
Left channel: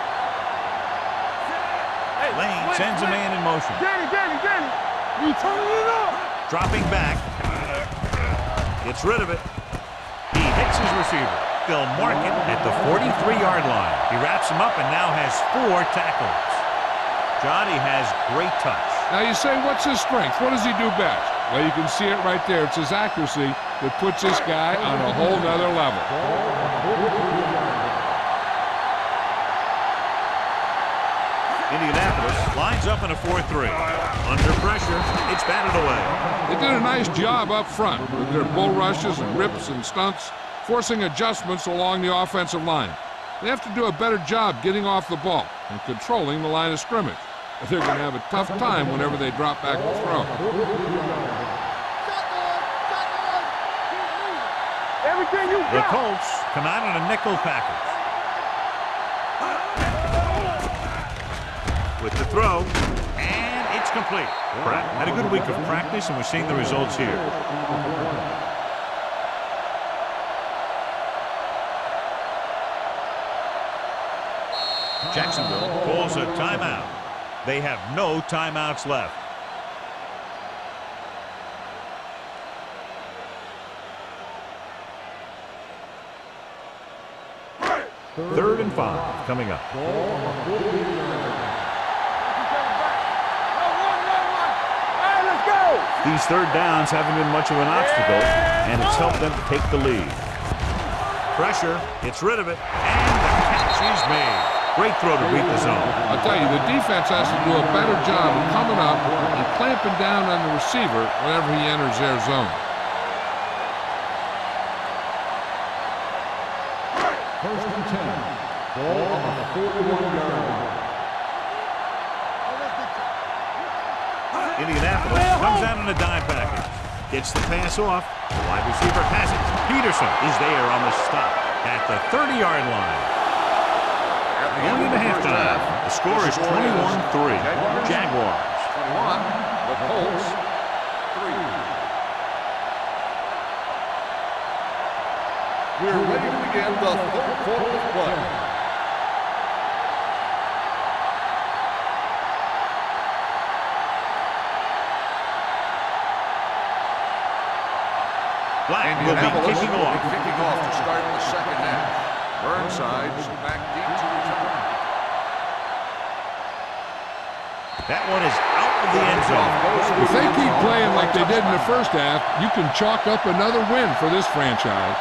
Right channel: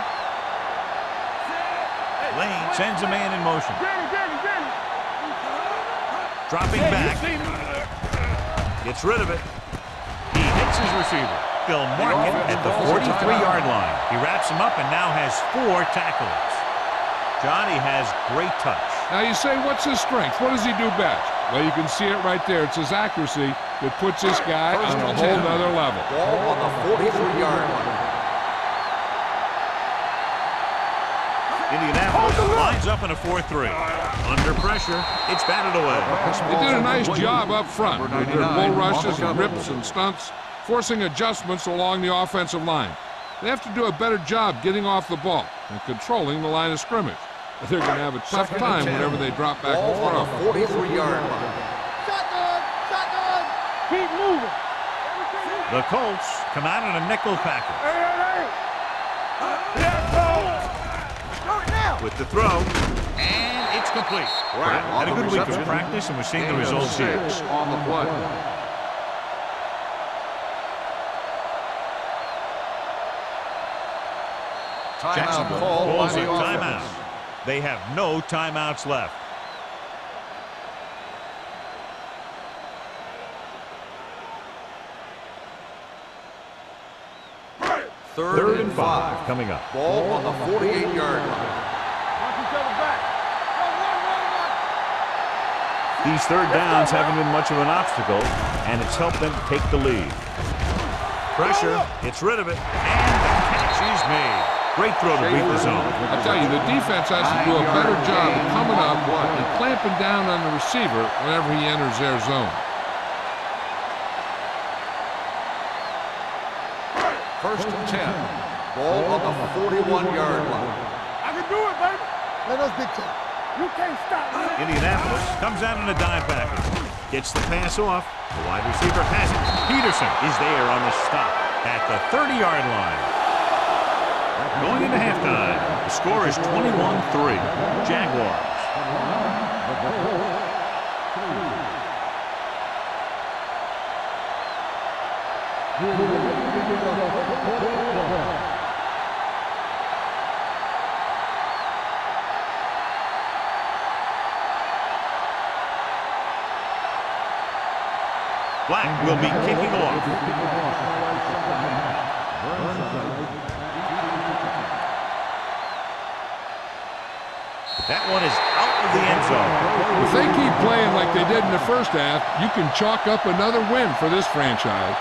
Hey, Lane sends a man in motion. Danny. You turn it up. Dropping back. Gets rid of it. He hits his receiver. They'll mark it at the 43-yard line. He wraps him up and now has 4 tackles. Johnny has great touch. Now you say, what's his strength? What does he do best? Well, you can see it right there. It's his accuracy that puts this guy on a whole nother level. Ball on the 43-yard line. Indianapolis lines up in a 4-3. Under pressure, it's batted away. They did a nice job up front with their bull rushes and rips and stunts, forcing adjustments along the offensive line. They have to do a better job getting off the ball and controlling the line of scrimmage. But they're going to have a tough time whenever they drop back to throw. 43-yard line. Shotgun. Keep moving. Everything you The Colts come out in a nickel package. With the throw, and it's complete. Pratt had a good week of practice, and we're seeing the results here. On the play. Jacksonville calls a timeout. They have no timeouts left. Third and 5 coming up. Ball on the 48-yard line. Knock each other back. Go, one. All right, let's go. These third downs haven't been much of an obstacle, and it's helped them take the lead. Pressure, gets rid of it, and the catch is made. Great throw to beat the zone. I'll tell you, the defense has to do a better job of coming up and clamping down on the receiver whenever he enters their zone. First and 10. Ball on the 41-yard line. I can do it, baby. Let us dictate. You can't stop. Indianapolis comes out in a dime package. Gets the pass off. The wide receiver has it. Peterson is there on the stop at the 30-yard line. Going into halftime, the score is 21-3. Jaguars. 21. The Colts. 3. We're ready to begin the third quarter of play. Black will be kicking off. Kicking off to start the second half. Burnside's back deep to return. That one is out of the end zone. If they keep playing like they did in the first half, you can chalk up another win for this franchise.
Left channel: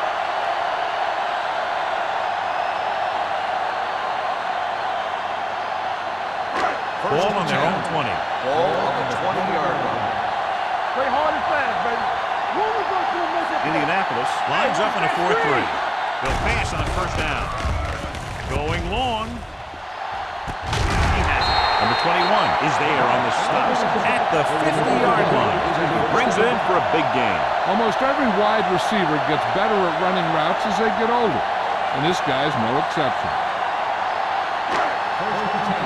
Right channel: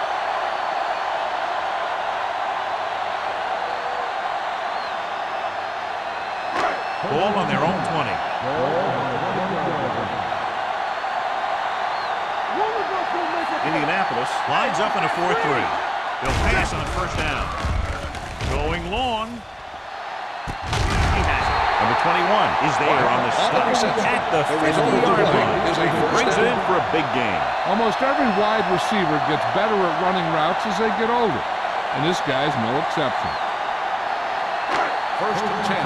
Ball on their own 20. Ball on the 20-yard line. Play hard and fast, baby. One of us will make it. Indianapolis lines up in a 4-3. They'll pass on first down. Going long. He has it. Number 21 is there on the stop at the 50-yard line. He brings it in for a big gain. Almost every wide receiver gets better at running routes as they get older, and this guy's no exception. First and 10.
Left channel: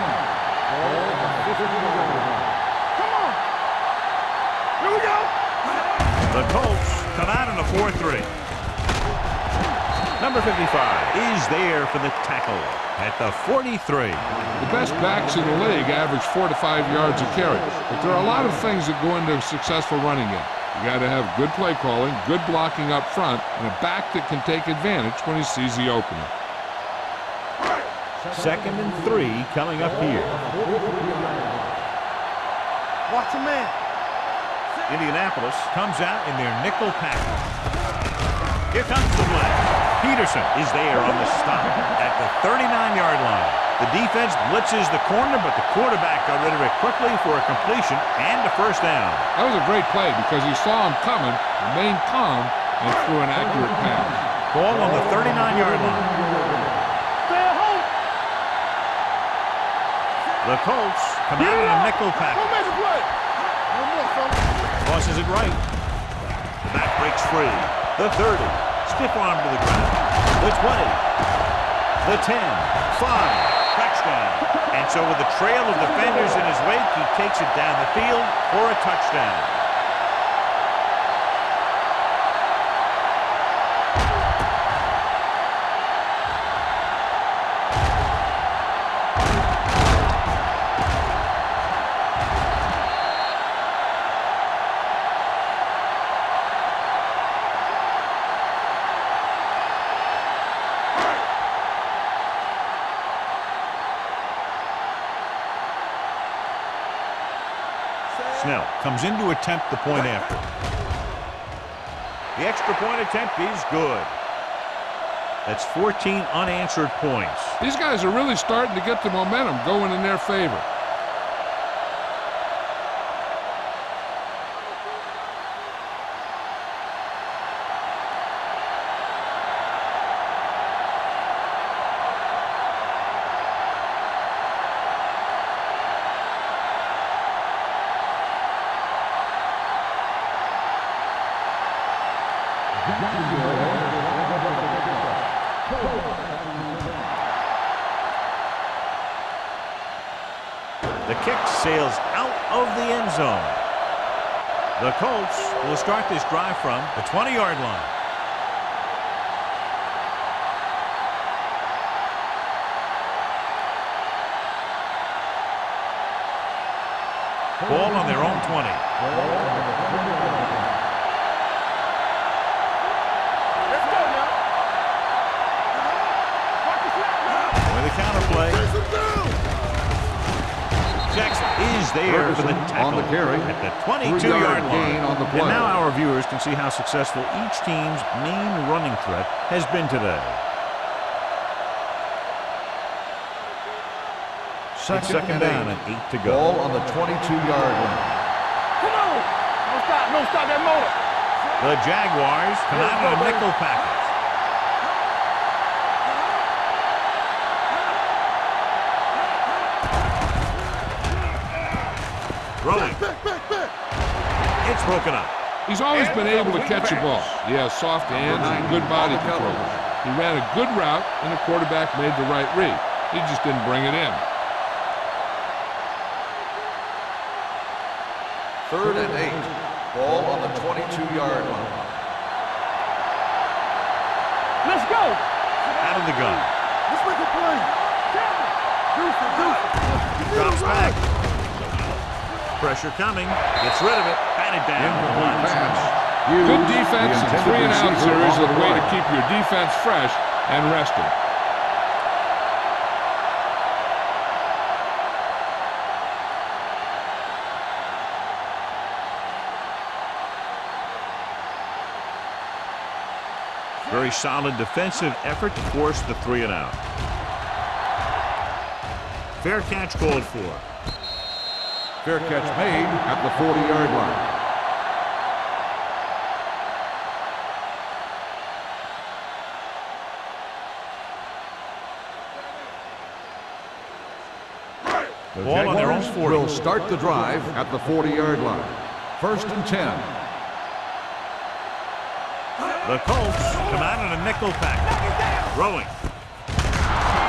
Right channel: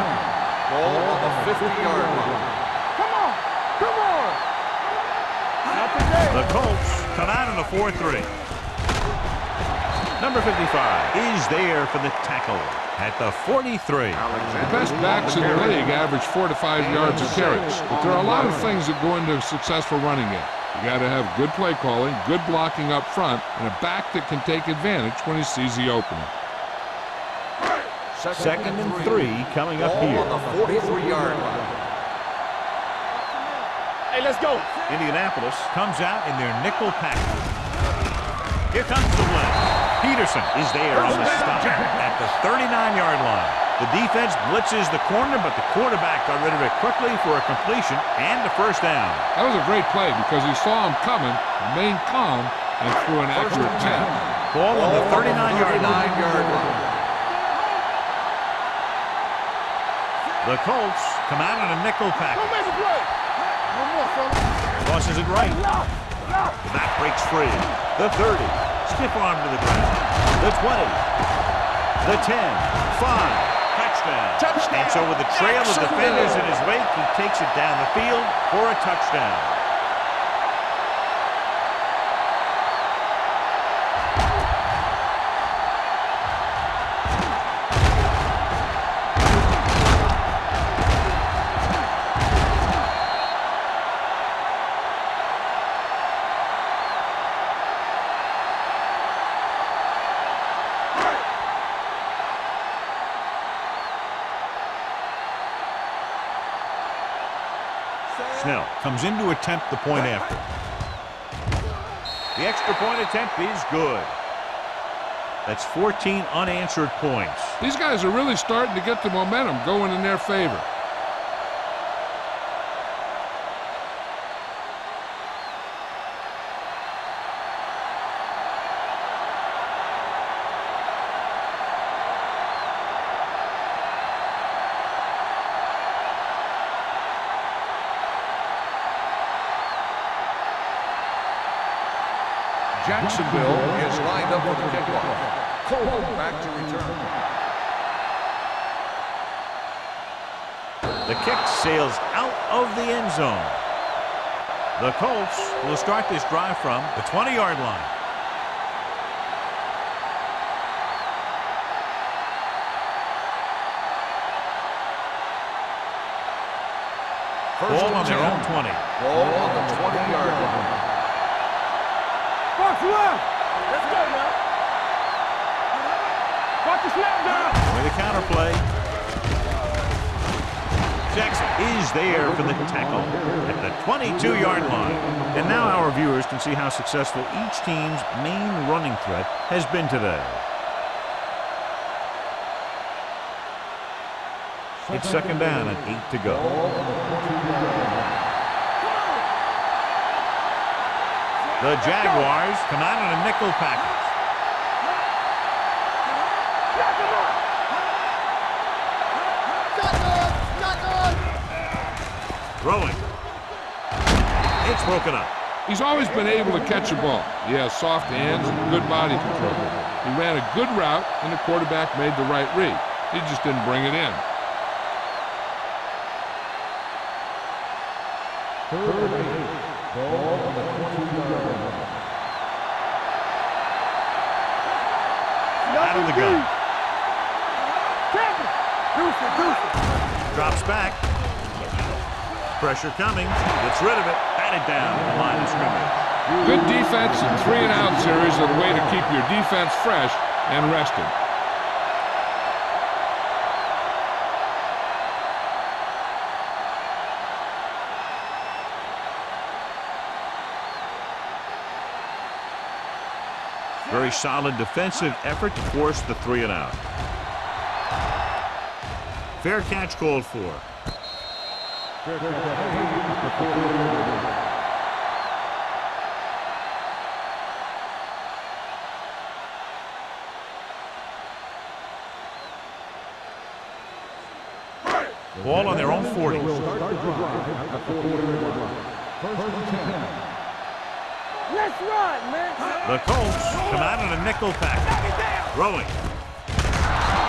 Ball on the 50-yard line. Come on. Here we go. Not today. The Colts come out in a 4-3. Number 55 is there for the tackle at the 43. The best backs in the league average 4 to 5 yards a carry, but there are a lot of things that go into a successful running game. You got to have good play calling, good blocking up front, and a back that can take advantage when he sees the opening. Second and 3 coming up here. On the 43-yard line. Watch your man. Hey, let's go. Indianapolis comes out in their nickel package. Here comes the blitz. Peterson is there on the stop at the 39-yard line. The defense blitzes the corner, but the quarterback got rid of it quickly for a completion and a first down. That was a great play because he saw him coming, remained calm, and threw an accurate pass. Ball on the 39-yard line. Stay at home. The Colts come out in a nickel package. Go make a play. One more, fella. Tosses it right. The back breaks free. The 30. Stiff arm to the ground. The 20. The 10. 5. Touchdown. And so with a trail of defenders in his wake, he takes it down the field for a touchdown. Snell comes in to attempt the point after. The extra point attempt is good. That's 14 unanswered points. These guys are really starting to get the momentum going in their favor. Jacksonville is lined up for the kickoff. Cole back to return. The kick sails out of the end zone. The Colts will start this drive from the 20-yard line. Ball on their own 20. Ball on the 20-yard line. Let's go now. Watch the snap down. With the counter play. Jackson is there for the tackle at the 22-yard line. And now our viewers can see how successful each team's main running threat has been today. It's second down and 8 to go. Ball on the 22-yard line. Come on. Don't stop that motor. The Jaguars come out in a nickel package. Throwing. It's broken up. He's always been able to catch a ball. He has soft hands and good body control. He ran a good route, and the quarterback made the right read. He just didn't bring it in. 3rd and 8. Ball on the 22-yard line. Let's go. Out of the gun. Let's make a play. Deuce. Drops back. Pressure coming. Gets rid of it. Batted down at the line of scrimmage. Good defense and 3-and-out series are the way to keep your defense fresh and rested. Very solid defensive effort to force the 3-and-out. Fair catch called for. Fair catch made at the 40-yard line. Ball on their own 40. Will start the drive at the 40-yard line. 1st and 10. Let's run, man. The Colts come out in a nickel package. Throwing.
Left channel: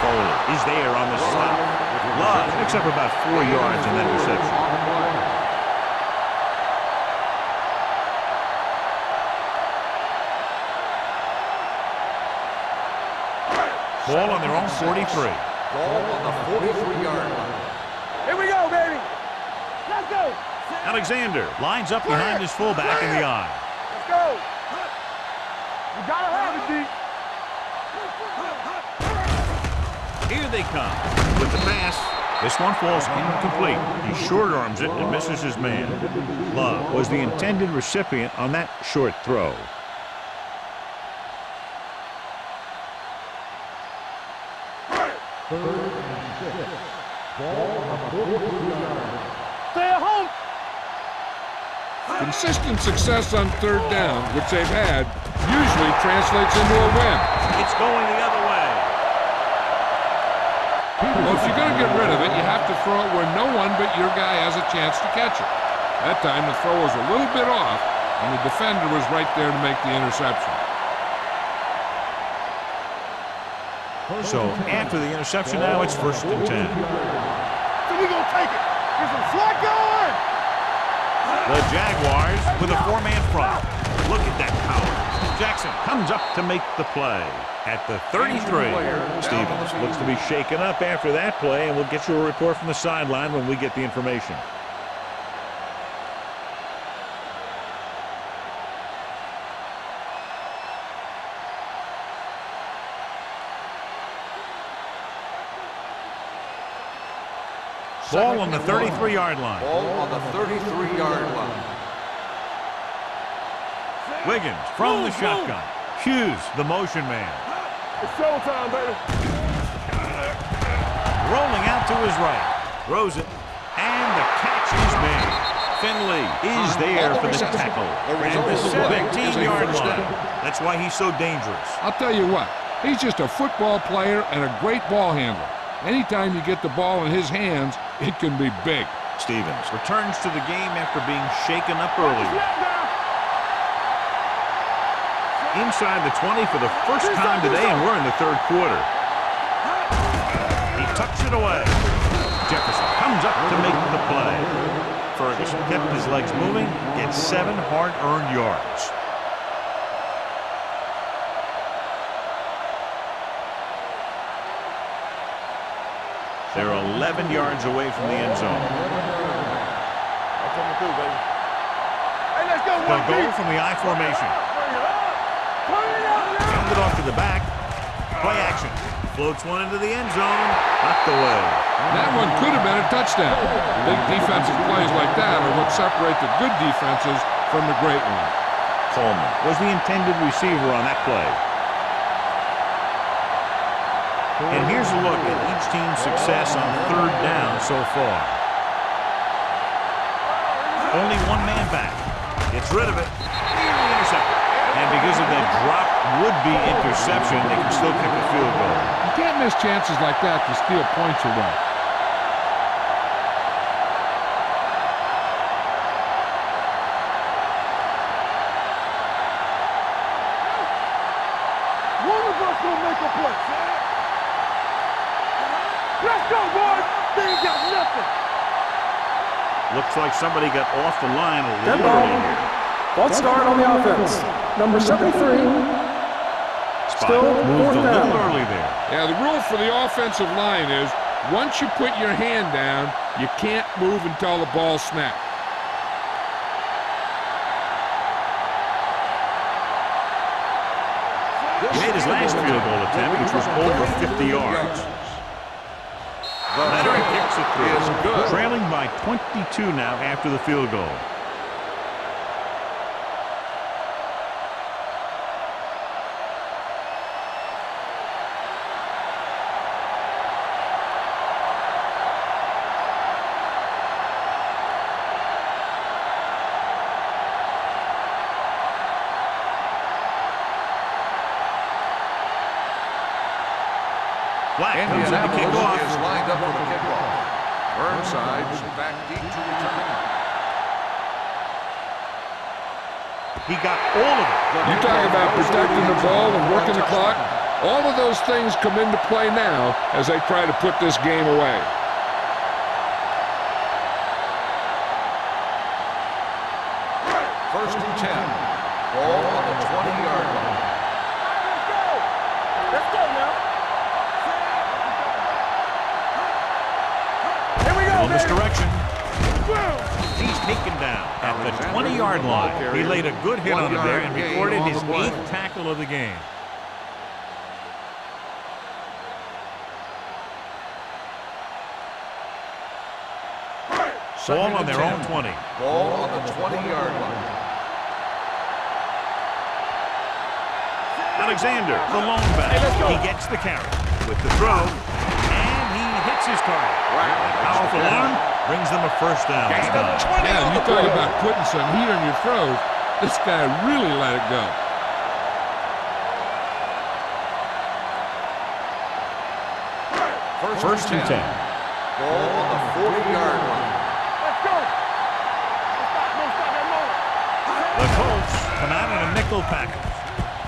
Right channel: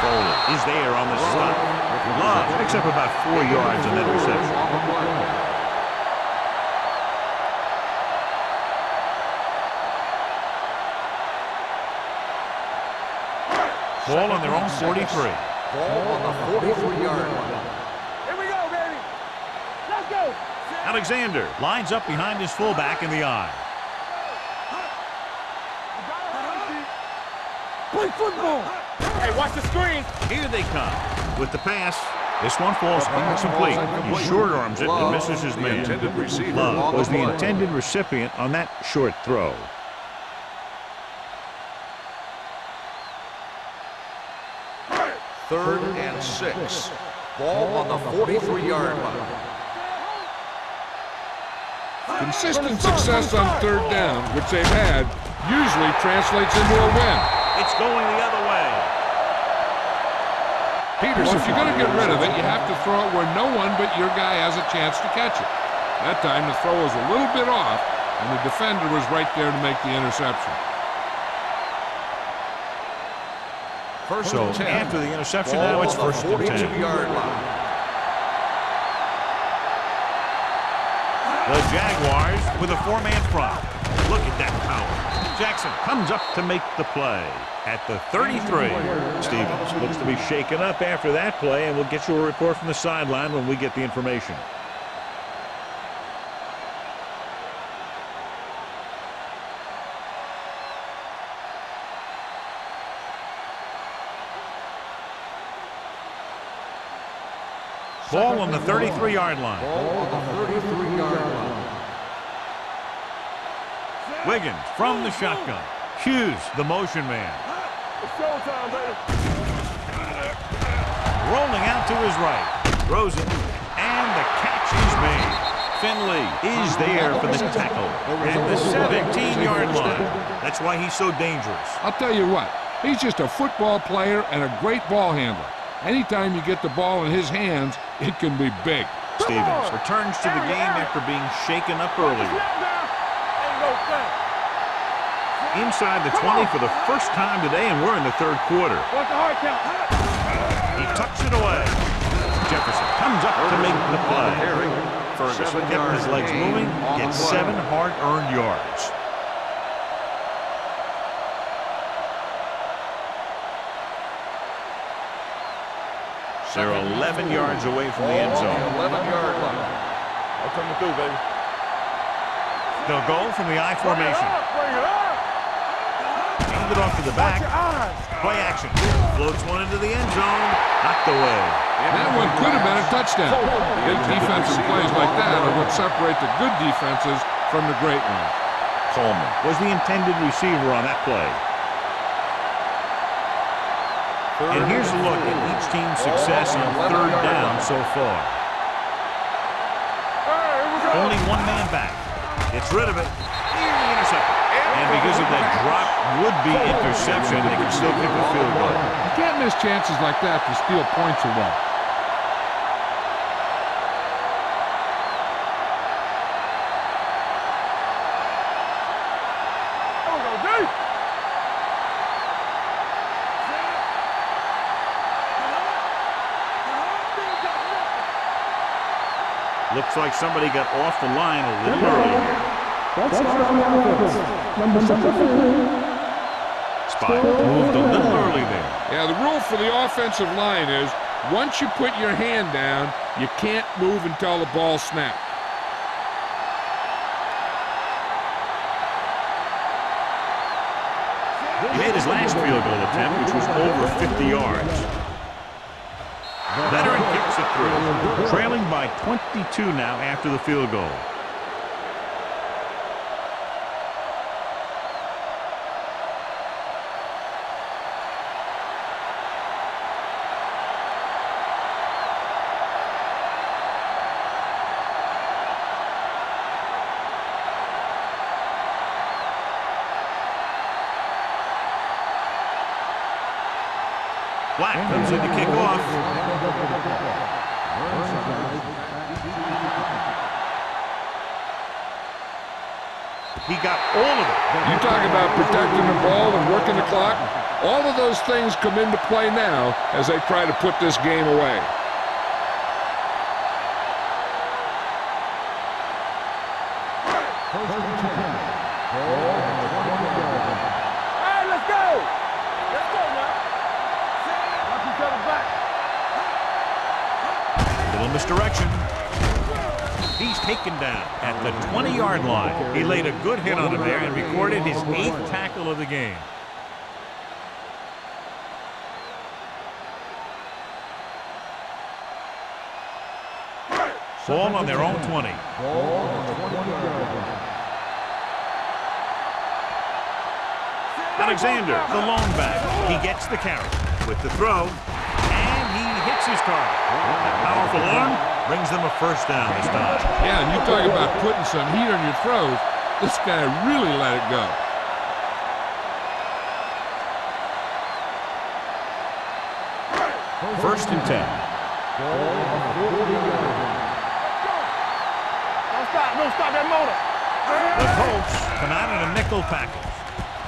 Foley is there on the stop. Love picks up about 4 yards on that reception. On the play. Ball on their own 43. Ball on the 43-yard line. Here we go, baby. Let's go. Alexander lines up behind his fullback in the eye. Let's go. You gotta have it, D. Play football. Hey, watch the screen. Here they come. With the pass, this one falls incomplete. He short arms it and misses his man. Love was the intended recipient on that short throw. 3rd and 6. Ball on the 43-yard line. Stay at home. Consistent success on 3rd down, which they've had, usually translates into a win. It's going the other way. Well, if you're going to get rid of it, you have to throw it where no one but your guy has a chance to catch it. That time, the throw was a little bit off, and the defender was right there to make the interception. So after the interception now, it's 1st and 10. So we gonna take it. Get some slack going. The Jaguars with a 4-man front. Look at that power. Jackson comes up to make the play at the 33. Stevens looks to be shaken up after that play, and we'll get you a report from the sideline when we get the information. Ball on the 33-yard line. Ball on the 33-yard line. Wiggins from the shotgun. Hughes, the motion man. It's showtime, baby. Rolling out to his right. Throws it. And the catch is made. Finley is there for the tackle. At the 17-yard line. That's why he's so dangerous. I'll tell you what, he's just a football player and a great ball handler. Anytime you get the ball in his hands, it can be big. Stevens returns to the game after being shaken up earlier. Inside the 20 for the first time today, and we're in the 3rd quarter. He tucks it away. Jefferson comes up to make the play. Ferguson kept his legs moving, gets 7 hard-earned yards. They're 11 yards away from the end zone. I'm coming through, baby. They'll go from the I formation. Hand it off to the back. Play action. Floats one into the end zone. Knocked away. That one could have been a touchdown. Big defensive plays like that are what separate the good defenses from the great ones. Coleman was the intended receiver on that play. And here's a look at each team's success on 3rd down so far. Only one man back. Gets rid of it. Nearly intercepted. And because of that drop would-be interception, they can still kick a field goal. You can't miss chances like that to steal points away. Looks like somebody got off the line a little early here. False start on the offense. Number 73. Spot moved a little early there. Yeah, the rule for the offensive line is once you put your hand down, you can't move until the ball snaps. He made his last field goal attempt, which was over 50 yards. Veteran kicks it through. Trailing by 22 now after the field goal. Black comes in to kick off. Lined up for the kickoff. Burnside's back deep to return. He got all of it. You talk about protecting the ball and working the clock. All of those things come into play now as they try to put this game away. First and 10. Ball on the 20-yard line. All right, let's go. Let's go now. Watch each other back. Little misdirection. He's taken down at the 20-yard line. He laid a good hit on him there and recorded his 8th tackle of the game. Ball on their own 20. Ball on the 20-yard line. Alexander, the lone back. He gets the carry with the throw, hits his target. That powerful arm brings them a first down this time. Yeah, and you talk about putting some heat on your throws. This guy really let it go. First and 10. Ball on the 40-yard line. Let's go. Don't stop that motor. The Colts come out in a nickel package.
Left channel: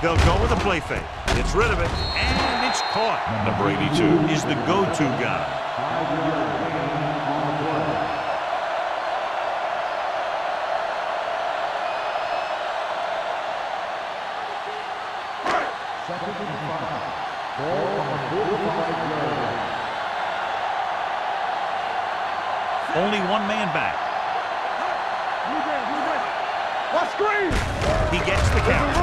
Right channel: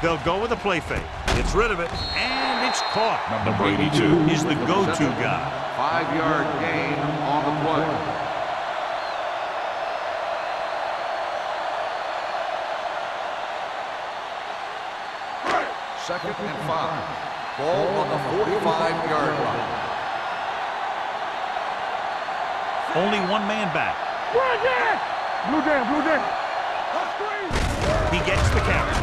They'll go with a play fake. Gets rid of it, and it's caught. Number 82 is the go-to guy. 5-yard gain on the play. Second and 5. Ball on the 45-yard line. Only one man back. Blue down. What screen? He gets the carry.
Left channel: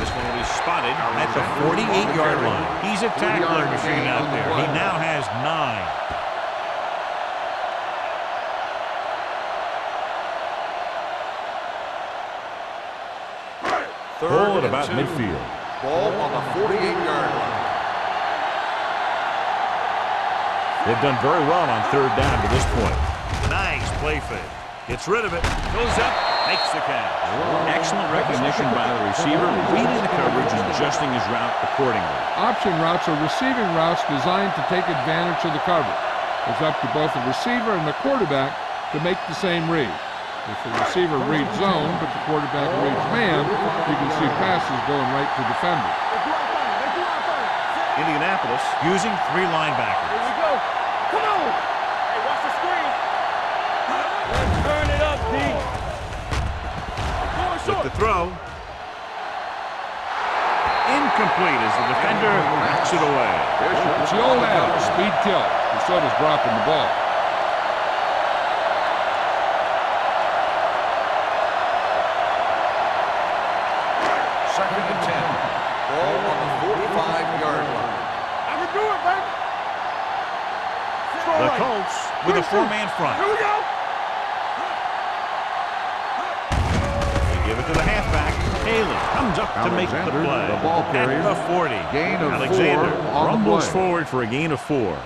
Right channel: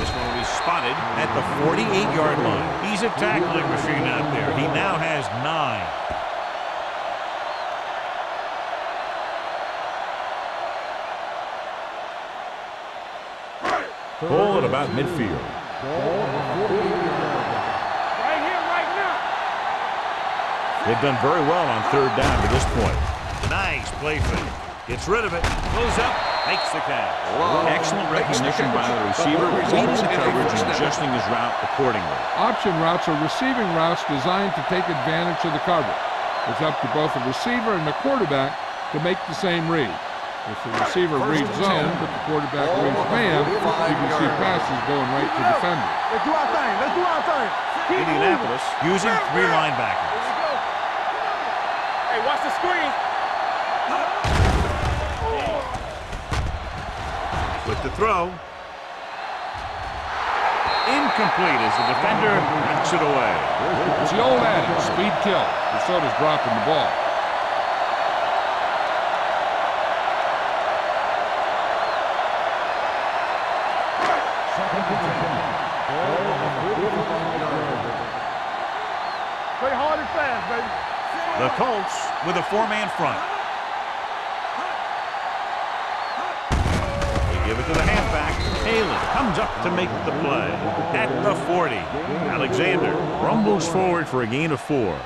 This one will be spotted at the 48-yard line. He's a tackling machine out there. He now has 9. Ball at about midfield. Ball on the 48-yard line. They've done very well on third down to this point. Nice play fake. Gets rid of it. Goes up. Makes the catch. Excellent recognition by the receiver, reading the coverage and adjusting his route accordingly. Option routes are receiving routes designed to take advantage of the coverage. It's up to both the receiver and the quarterback to make the same read. If the receiver reads zone, but the quarterback reads man, you can see passes going right to defenders. Let's do our thing. Indianapolis using 3 linebackers. Here we go. Come on. Hey, watch the screen. With the throw. Incomplete as the defender knocks it away. It's the old adage, speed kills, but so does dropping the ball. Second and 10. Ball on the 45-yard line. I can do it, baby. Play hard and fast, baby. The Colts with a 4-man front. Here we go. They give it to the halfback. Haley comes up to make the play. At the 40. Alexander rumbles forward for a gain of 4.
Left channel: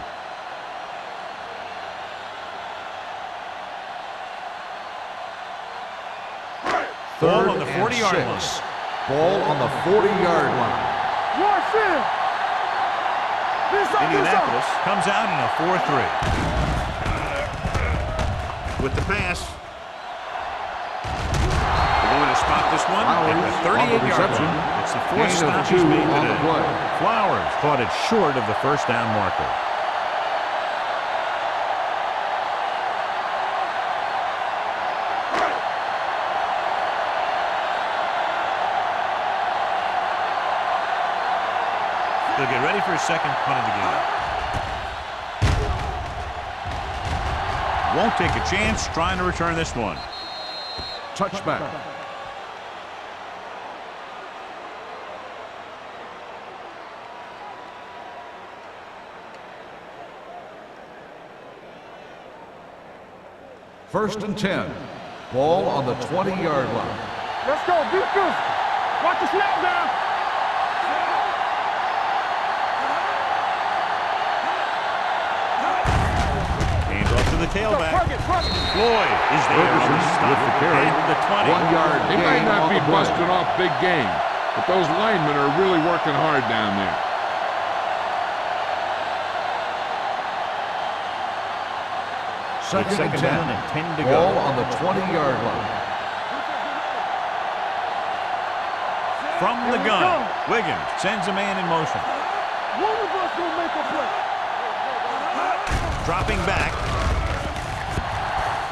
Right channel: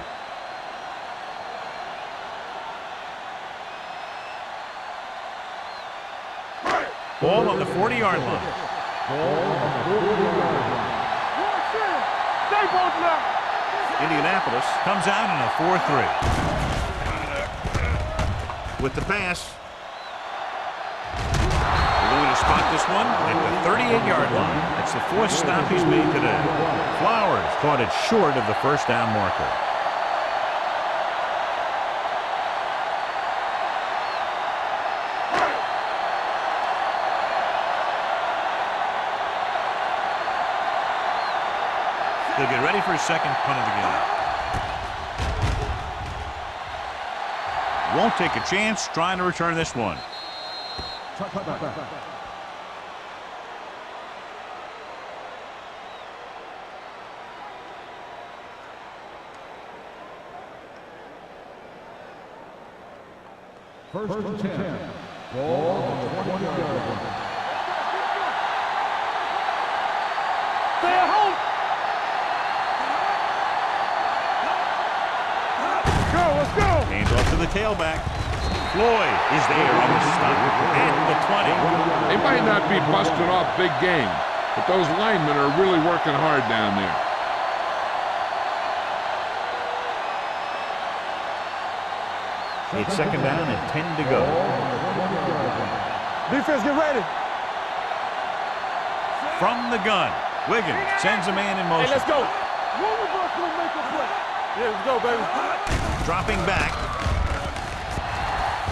Ball on the 40-yard line. Ball on the 40-yard line. Watch in. Stay both left. Indianapolis comes out in a 4-3. With the pass. They're going to spot this one at the 38-yard line. That's the 4th stop he's made today. Flowers caught it short of the first down marker. He'll get ready for his second punt of the game. Won't take a chance trying to return this one. Touchback. First and 10. Ball on the 20-yard line. Let's go. Beat you. Watch the snap down. Stay home. Hands off to the tailback. Floyd is there on the stop at the 20. They might not be busting off big games, but those linemen are really working hard down there. It's second down and 10 to Ball go. on the 20-yard line. Defense, get ready. From the gun, Wiggins sends a man in Hey, motion. let's go. One of us gonna make a play. Yeah, let's go, baby. Dropping back.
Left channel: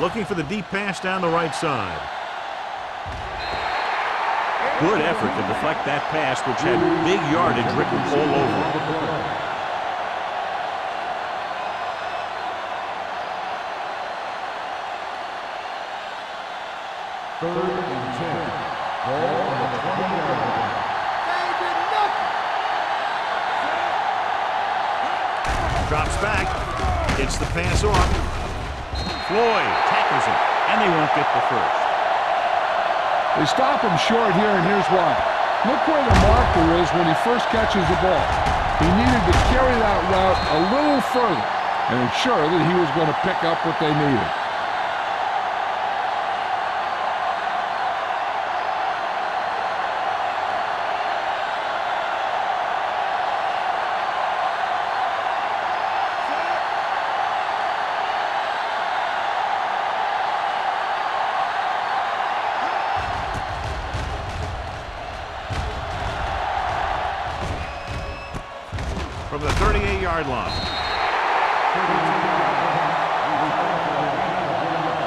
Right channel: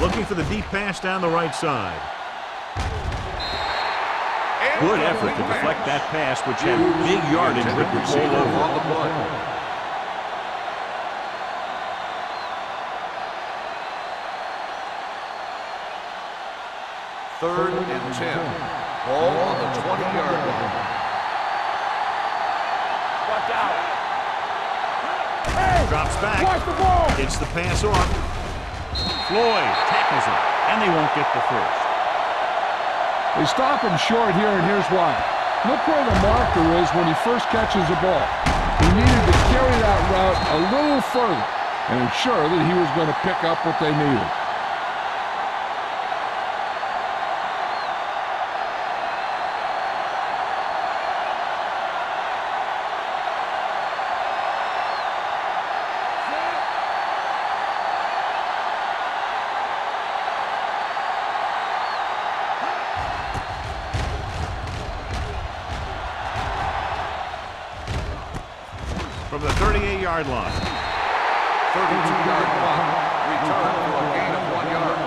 Looking for the deep pass down the right side. Good effort to deflect that pass, which had big yardage written all over it. Third and 10. Ball on the 20-yard line. Watch out. Drops Watch back. the ball. Gets the pass off. Floyd tackles him, and they won't get the first. They stop him short here, and here's why. Look where the marker is when he first catches the ball. He needed to carry that route a little further and ensure that he was going to pick up what they needed. From the 38-yard line. 32-yard punt. Return for a gain of 1 yard.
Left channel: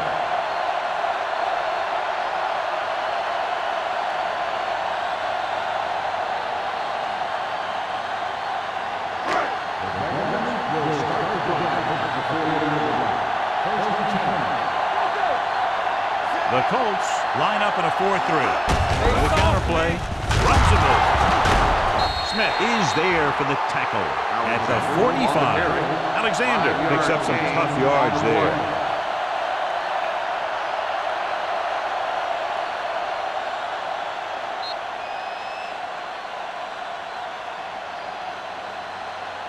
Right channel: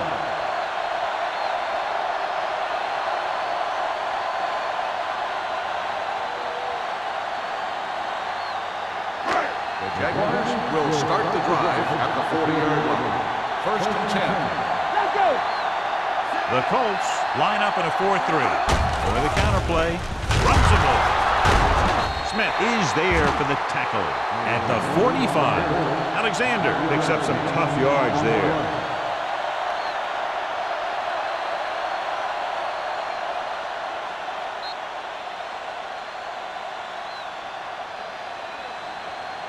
The Jaguars will start the drive at the 40-yard line. 1st and 10. Let's go. The Colts line up in a 4-3. With a counterplay, runs him over. Smith is there for the tackle at the 45. Alexander picks up some tough yards there.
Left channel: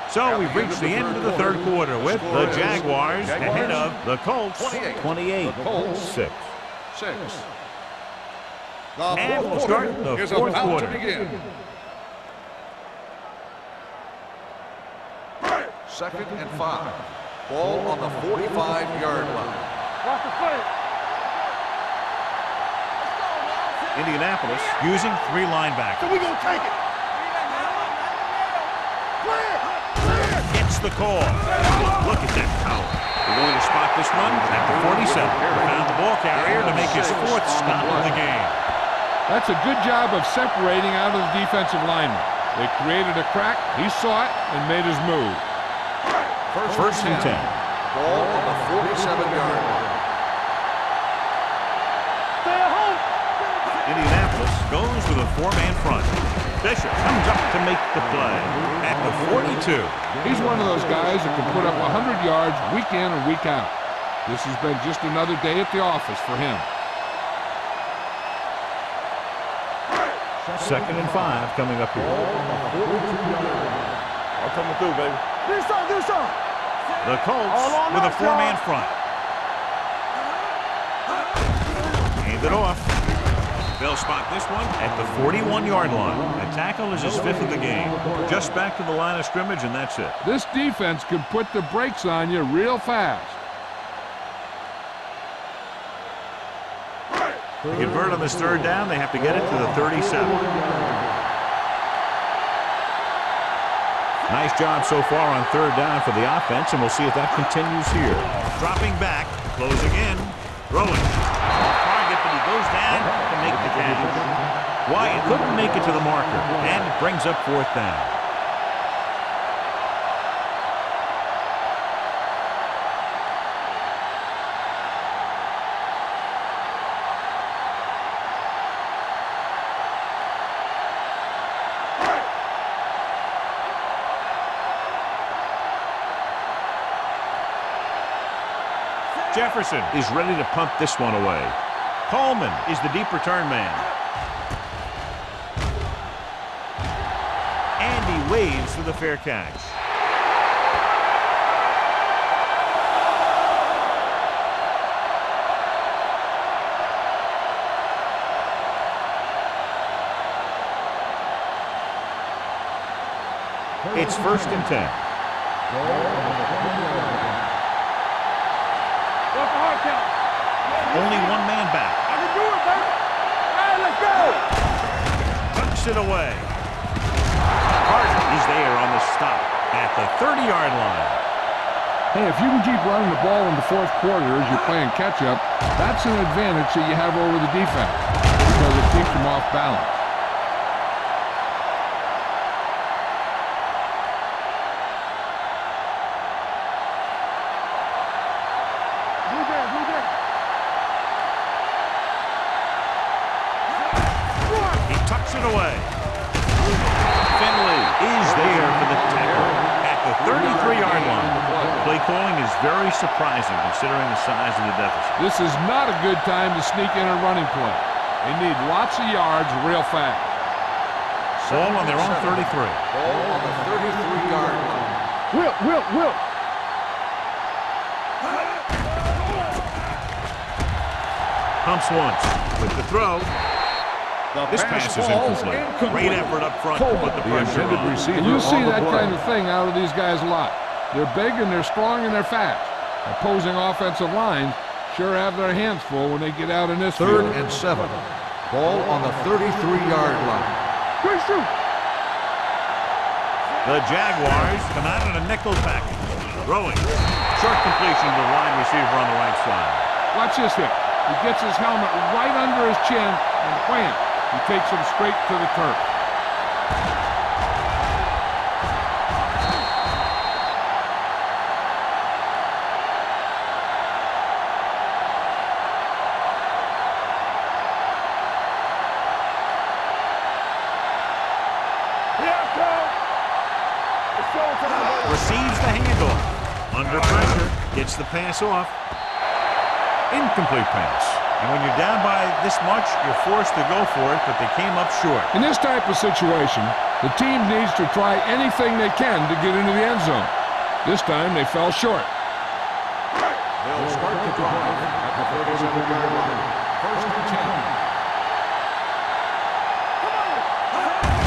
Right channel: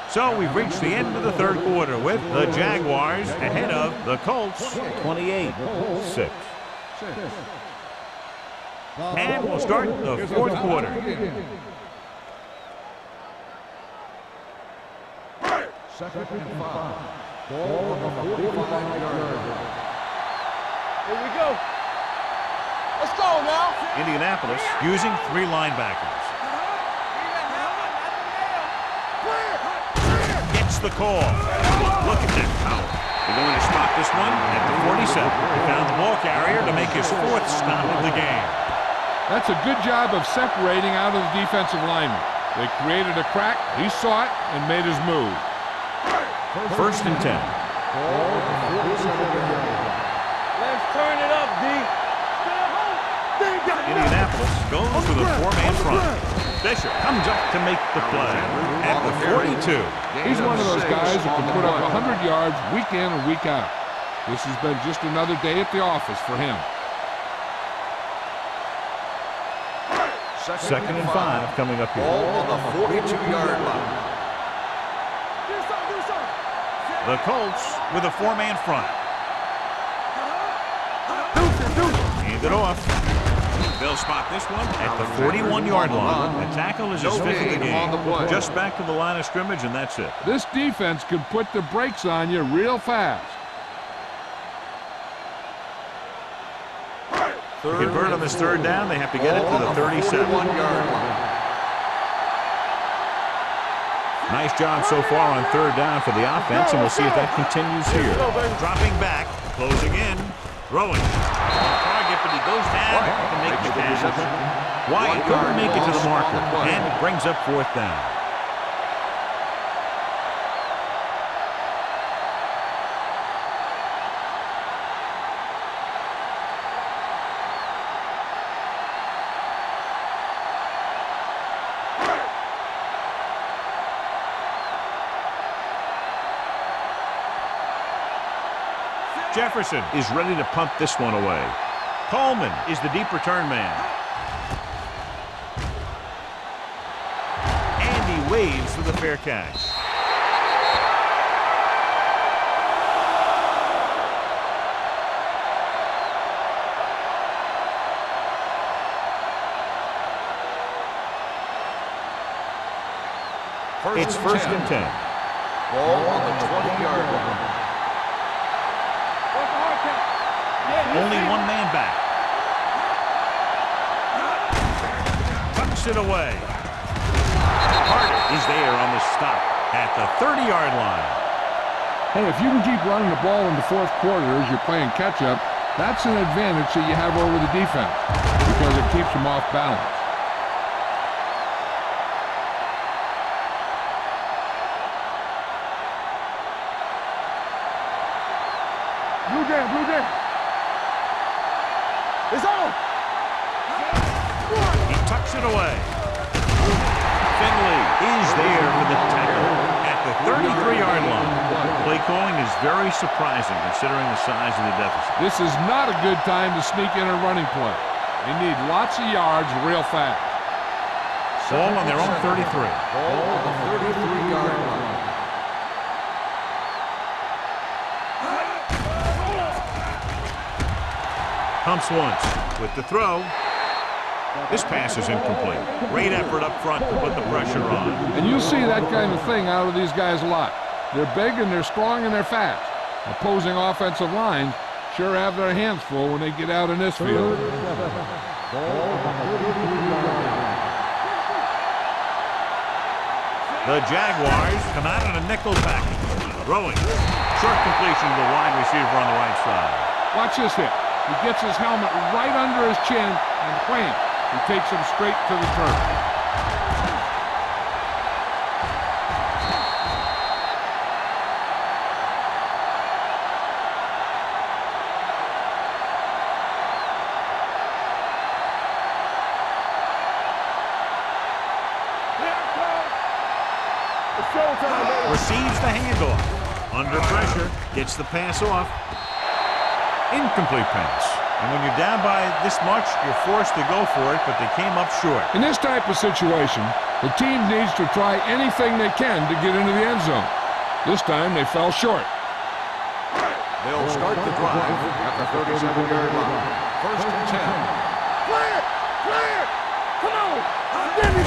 So we've reached the end of the third quarter with the Jaguars ahead of the Colts 28-6. And we'll start the fourth quarter. 2nd and 5. Ball on the 45-yard line. That's the play. Here we go. Let's go now. Indianapolis using 3 linebackers. We gonna take it. Need a hammer, not the nail. Clear. Gets the call. Look at that power. They're going to spot this one at the 47. He found the ball carrier to make his 4th stop of the game. That's a good job of separating out of the defensive lineman. They created a crack, he saw it, and made his move. 1st and 10. Ball on the 47-yard line. Let's turn it up, D. Stay at home. Indianapolis goes with a 4-man front. Fisher comes up to make the play at the 42. He's one of those guys that can put up 100 yards week in and week out. This has been just another day at the office for him. 2nd and 5 coming up here. Ball on the 42-yard line. I'm coming through, baby. Do something, do something. The Colts with a 4-man front. Hand it off. They'll spot this one at the 41-yard line. The tackle is his 5th of the game. Just back to the line of scrimmage, and that's it. This defense can put the brakes on you real fast. To convert on this 3rd down, they have to get it to the 37. Nice job so far on 3rd down for the offense, and we'll see if that continues here. Dropping back, closing in, throwing. Off target, but he goes down to make the catch. Wyatt couldn't make it to the marker, and it brings up 4th down. Jefferson is ready to punt this one away. Coleman is the deep return man. And he waves for the fair catch. It's 1st and 10. Ball on the 20-yard line. What's the hard count? Yeah, Only 1 man back. Tucks it away. Carter is there on the stop at the 30-yard line. Hey, if you can keep running the ball in the 4th quarter as you're playing catch-up, that's an advantage that you have over the defense because it keeps them off balance. Blue down. It's on. He tucks it away. Finley is there for the tackle at the 33-yard line. Play calling is very surprising considering the size of the deficit. This is not a good time to sneak in a running play. They need lots of yards real fast. Ball on their own 33. Ball on the 33-yard line. Whip. Will. Pumps once with the throw. This pass is incomplete. Great effort up front to put the pressure on. And you see that kind of thing out of these guys a lot. They're big and they're strong and they're fast. Opposing offensive lines sure have their hands full when they get out in this field. 3rd and 7. Ball on the 33-yard line. The Jaguars come out in a nickel package. Throwing. Short completion to the wide receiver on the right side. Watch this hit. He gets his helmet right under his chin and wham, he takes him straight to the turf. Receives the handoff. Under pressure. Gets the pass off. Incomplete pass. And when you're down by this much, you're forced to go for it, but they came up short. In this type of situation, the team needs to try anything they can to get into the end zone. This time they fell short. They'll start the drive at the 37-yard line. 1st and 10.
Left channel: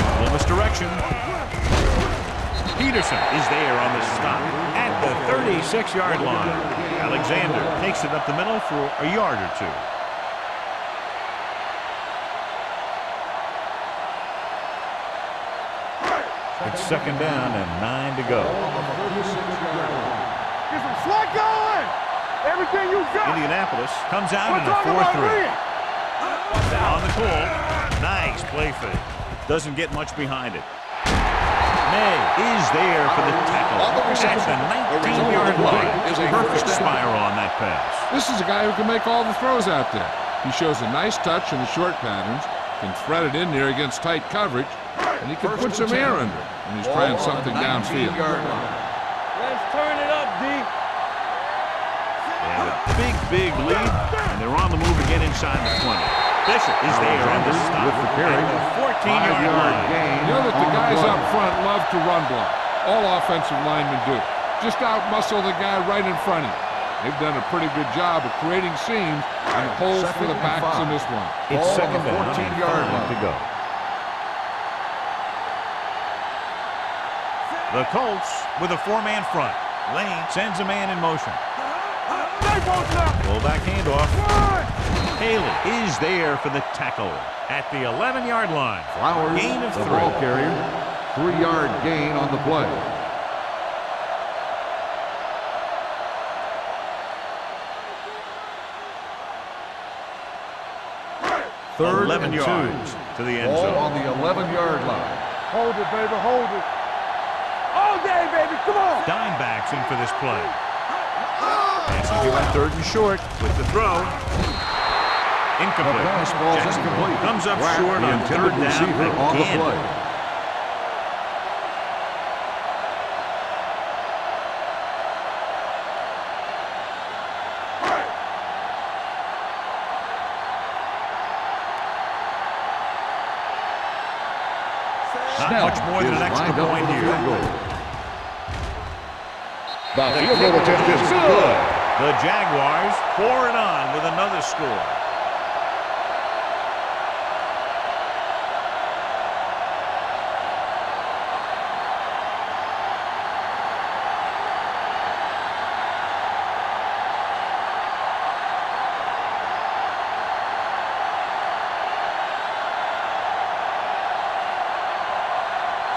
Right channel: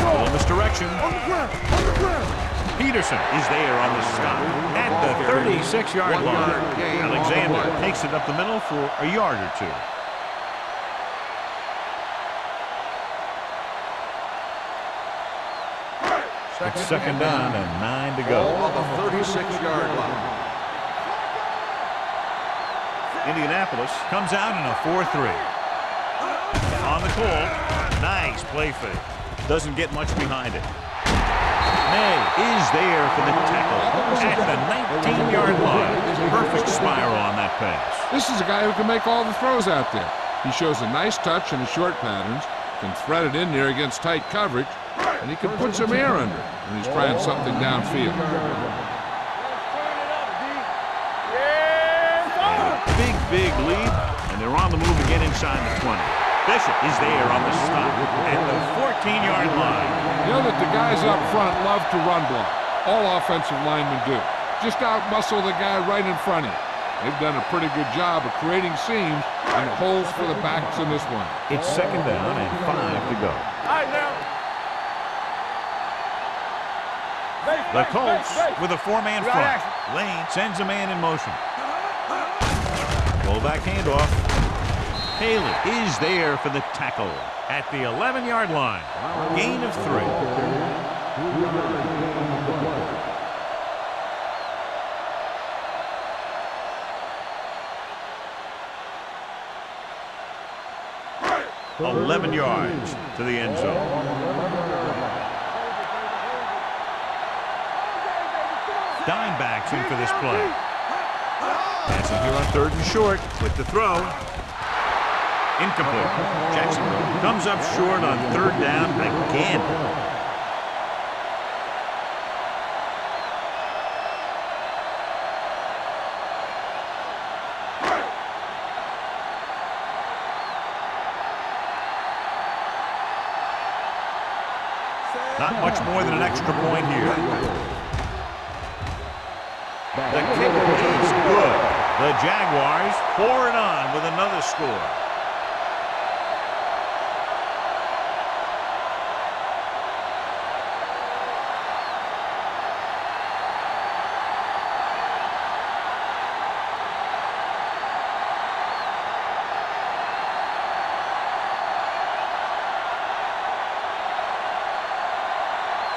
A little misdirection. Peterson is there on the stop at the 36-yard line. Alexander takes it up the middle for a yard or two. It's 2nd down and 9 to go. Ball on the 36-yard line. Indianapolis comes out in a 4-3. On the call, nice play fake. Doesn't get much behind it. May is there for the tackle at the 19-yard line. Perfect spiral on that pass. This is a guy who can make all the throws out there. He shows a nice touch in the short patterns, can thread it in there against tight coverage, and he can put some air under it when he's trying something downfield. Let's turn it up, D. And a big lead, and they're on the move again inside the 20. Bishop is there on the stop at the 14-yard line. You know that the guys up front love to run block. All offensive linemen do. Just out-muscle the guy right in front of you. They've done a pretty good job of creating seams and the holes for the backs in this one. It's 2nd down and 5 to go. The Colts with a 4-man front. Lane sends a man in motion. Fullback handoff. Haley is there for the tackle at the 11-yard line. Gain of 3. 3-yard gain on the play. 11 yards to the end zone. On the 11-yard line. Hold it, baby, hold it. All day, baby, come on. Dimebacks in for this play. Passing here on 3rd and short with the throw. Incomplete. Jacksonville comes up short on 3rd down again. Not much more than an extra point here. The kick is good. The Jaguars pour it on with another score.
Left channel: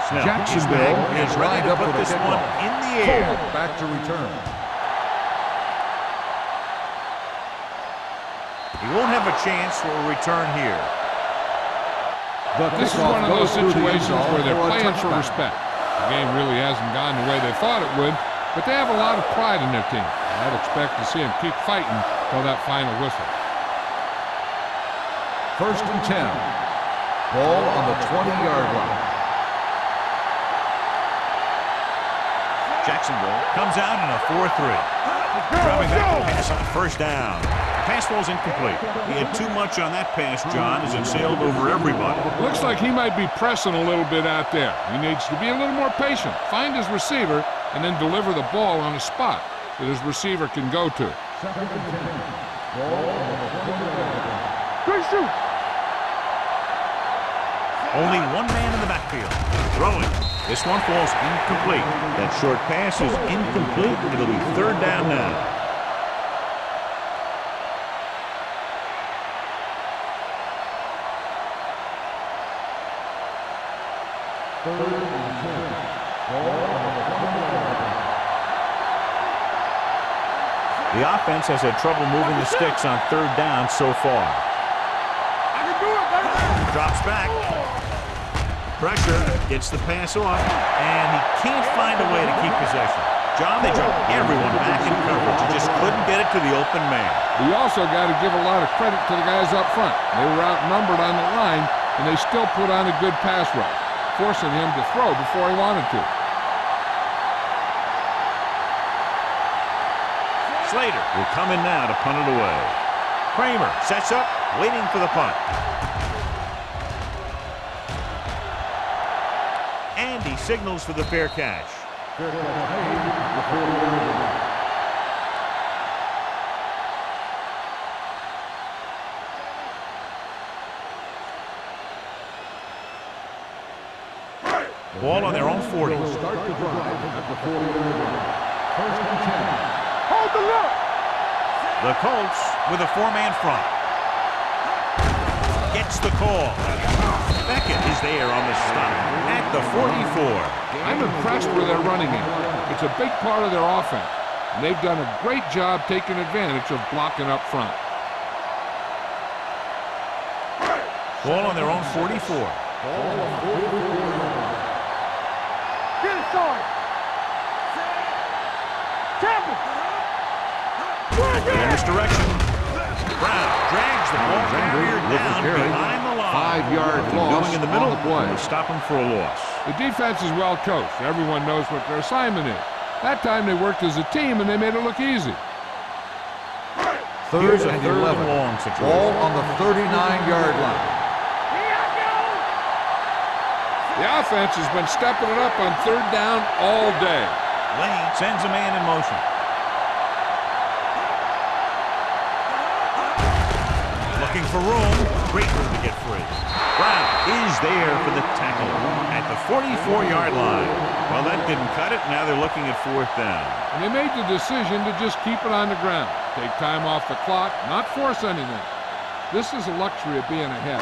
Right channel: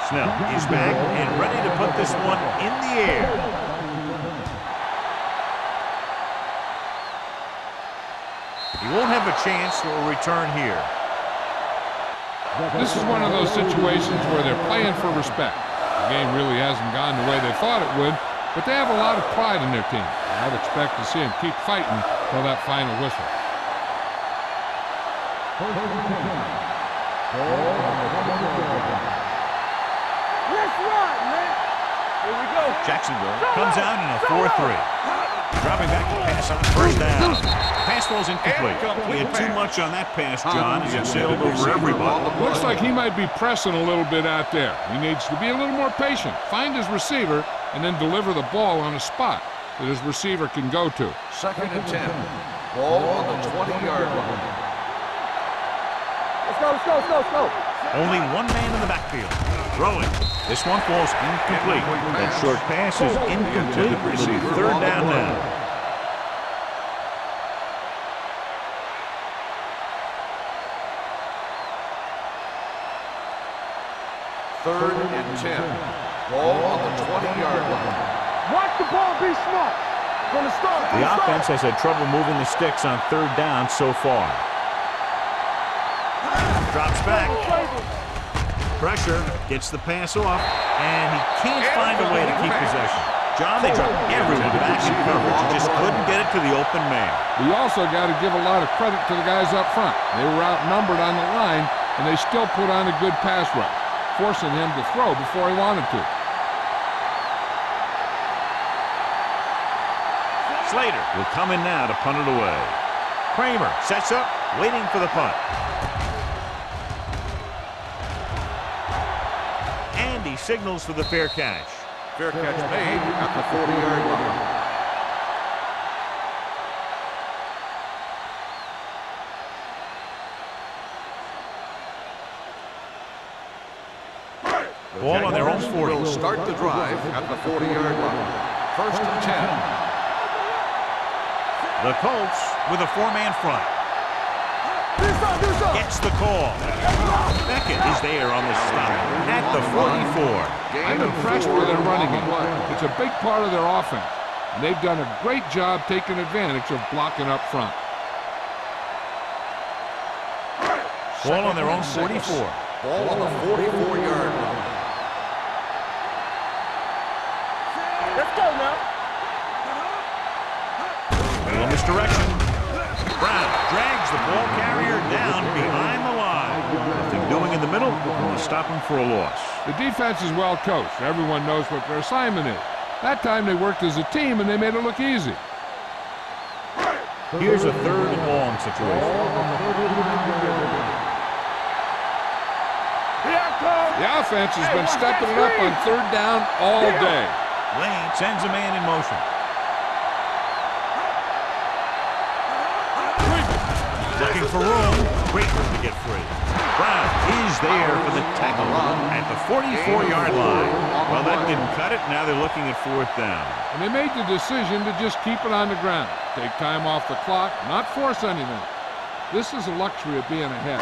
Snell is back and ready to put this one in the air. Back to return. He won't have a chance for a return here. This is one of those situations where they're playing for respect. The game really hasn't gone the way they thought it would, but they have a lot of pride in their team. I'd expect to see them keep fighting till that final whistle. 1st and 10. Ball on the 20-yard line. Jacksonville comes out in a 4-3. Dropping back to pass on 1st down. Pass ball's incomplete. He had too much on that pass, John, as it sailed over everybody. Looks like he might be pressing a little bit out there. He needs to be a little more patient, find his receiver, and then deliver the ball on a spot that his receiver can go to. 2nd and 10. Ball on the 20-yard line. Quick shoot. Let's go. Only one man in the backfield. Throwing. This one falls incomplete. That short pass is incomplete. It'll be 3rd down now. Third and 10. Ball on the 20-yard line. Watch the ball, be smart. From the start. The offense has had trouble moving the sticks on 3rd down so far. Drops back. Pressure. Gets the pass off. And he can't find a way to keep possession. John, they dropped everyone back in coverage. He just couldn't get it to the open man. But you also got to give a lot of credit to the guys up front. They were outnumbered on the line, and they still put on a good pass rush, forcing him to throw before he wanted to. Slater will come in now to punt it away. Kramer sets up, waiting for the punt. And he signals for the fair catch. Fair catch made at the 40-yard line. Ball on their own 40. Will start the drive at the 40-yard line. 1st and 10. Hold the look. The Colts with a 4-man front. Gets the call. Beckett is there on the stop at the 44. I'm impressed with their running game. It's a big part of their offense, and they've done a great job taking advantage of blocking up front. Ball on their own 44. Ball on the 44-yard line. Get it started. Let's go now. Tackle. Little misdirection. Brown drags the ball carrier down behind the line. 5-yard Nothing doing in the middle, and they stop him for a loss. The defense is well coached. Everyone knows what their assignment is. That time they worked as a team, and they made it look easy. Here's a 3rd and long situation. Ball on the 39-yard line. The offense has been stepping it up on 3rd down all day. Lane sends a man in motion. Looking for room. Great room to get free. Brown is there for the tackle at the 44-yard line. Well, that didn't cut it. Now they're looking at 4th down. And they made the decision to just keep it on the ground. Take time off the clock, not force anything. This is a luxury of being ahead.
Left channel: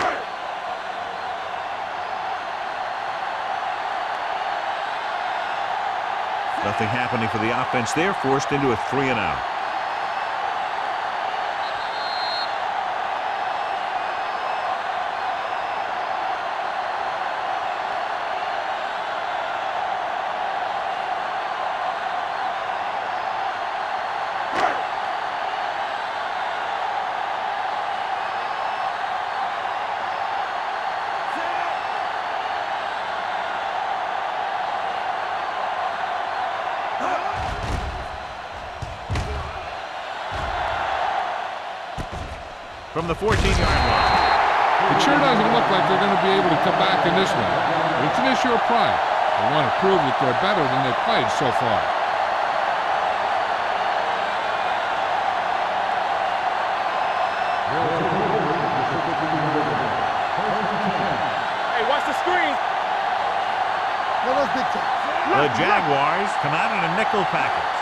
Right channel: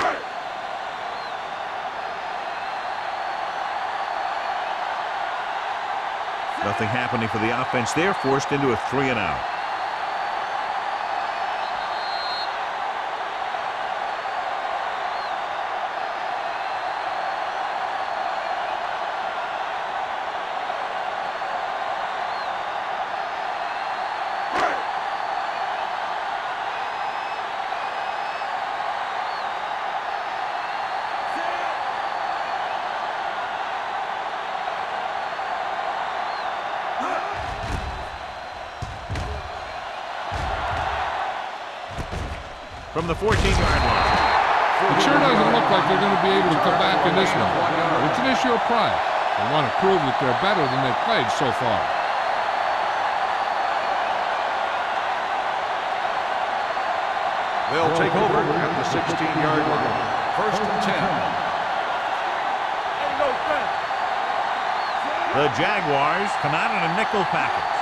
Nothing happening for the offense there, forced into a 3-and-out. From the 14-yard line. It sure doesn't look like they're going to be able to come back in this one, but it's an issue of pride. They want to prove that they're better than they've played so far. They'll take over at the 16-yard line. 1st and 10. Hey, watch the screen. The Jaguars come out in a nickel package.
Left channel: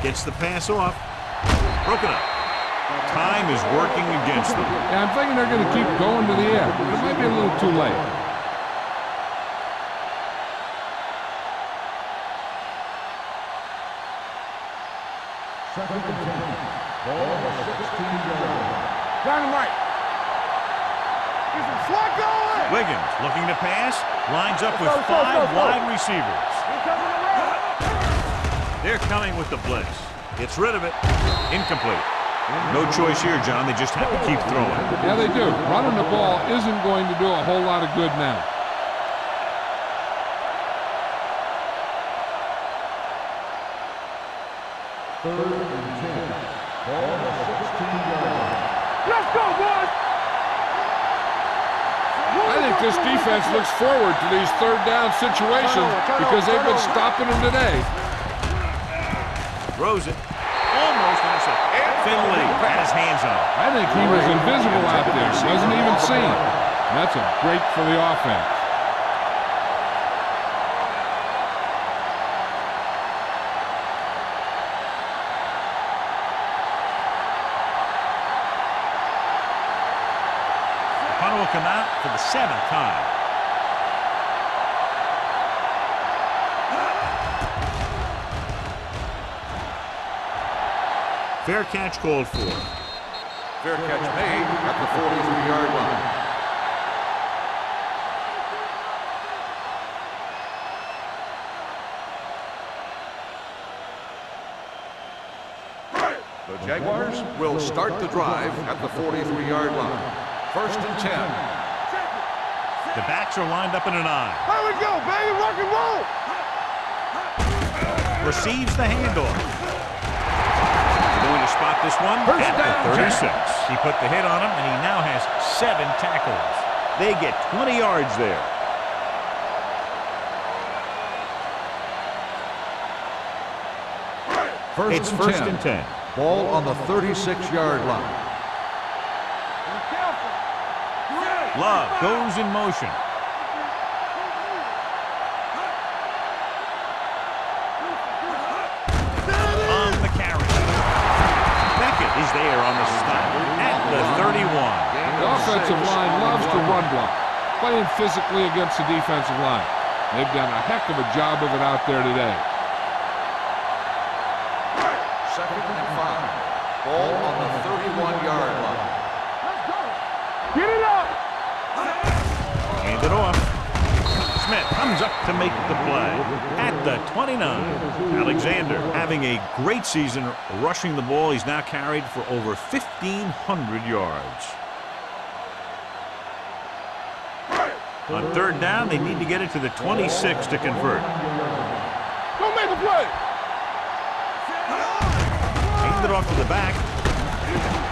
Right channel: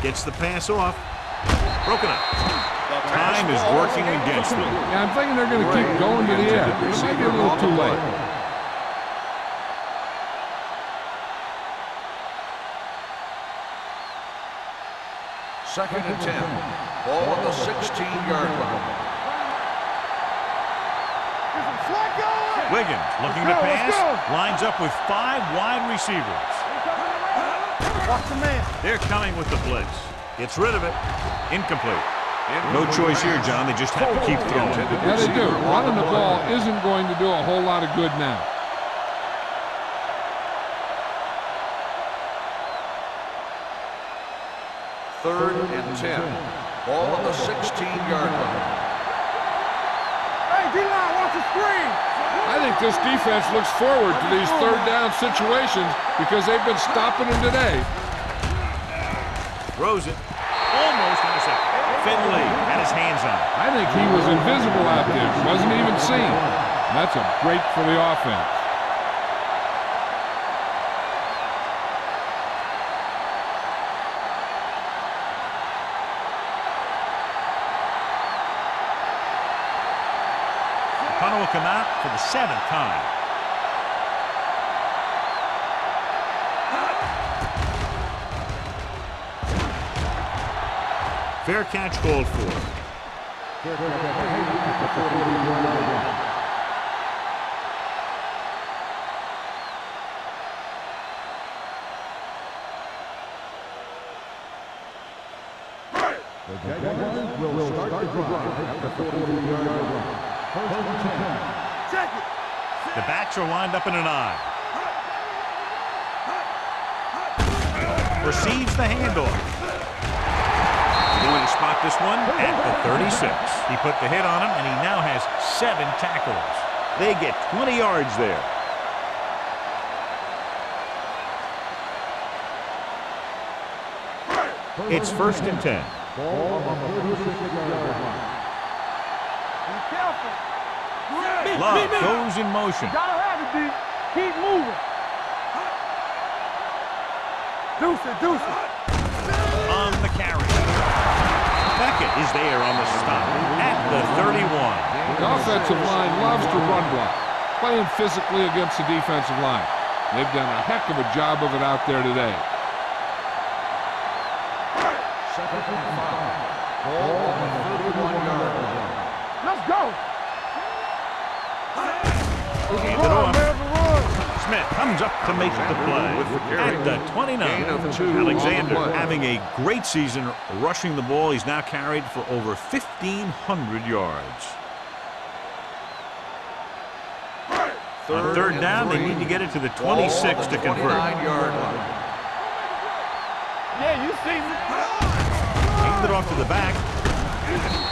Gets the pass off. Broken up. Time is working against them. Yeah, I'm thinking they're going to keep going to the air, but it might be a little too late. Second and 10. Ball on the 16-yard line. Here's some slot going. Wiggins looking to pass. Lines up with 5 wide receivers. They're coming with the blitz. Gets rid of it. Incomplete. No choice here, John. They just have to keep throwing. Yeah, they do. Running the ball isn't going to do a whole lot of good now. Third and 10. Ball on the 16-yard line. Let's go, boys. Hey, D-line, watch the screen. I think this defense looks forward to these third down situations because they've been stopping them today. Throws it. Almost intercepted. Finley had his hands on it. I think he was invisible out there. Wasn't even seen. And that's a break for the offense. The punter will come out for the 7th time. Fair catch called for. Fair catch made at the 43-yard line. The Jaguars will start the drive at the 43-yard line. 1st and 10. Check it. The backs are lined up in an I. Here we go, baby. Rock and roll. Receives the handoff. They're going to spot this one at the 36. He put the hit on him, and he now has 7 tackles. They get 20 yards there. It's 1st and 10. Ball on the 36-yard line. Be careful. Love goes in motion. Keep moving. Deuce it. On the carry. Beckett is there on the stop at the 31. The offensive line loves to run block, playing physically against the defensive line. They've done a heck of a job of it out there today. 2nd and 5. Ball on the 31-yard line. Let's go. Get it up. Hand it off. Smith comes up to make the play at the 29. Alexander having a great season rushing the ball. He's now carried for over 1,500 yards. On 3rd down, they need to get it to the 26 to convert. Don't make the play. Yeah, you see me. Hand it off to the back.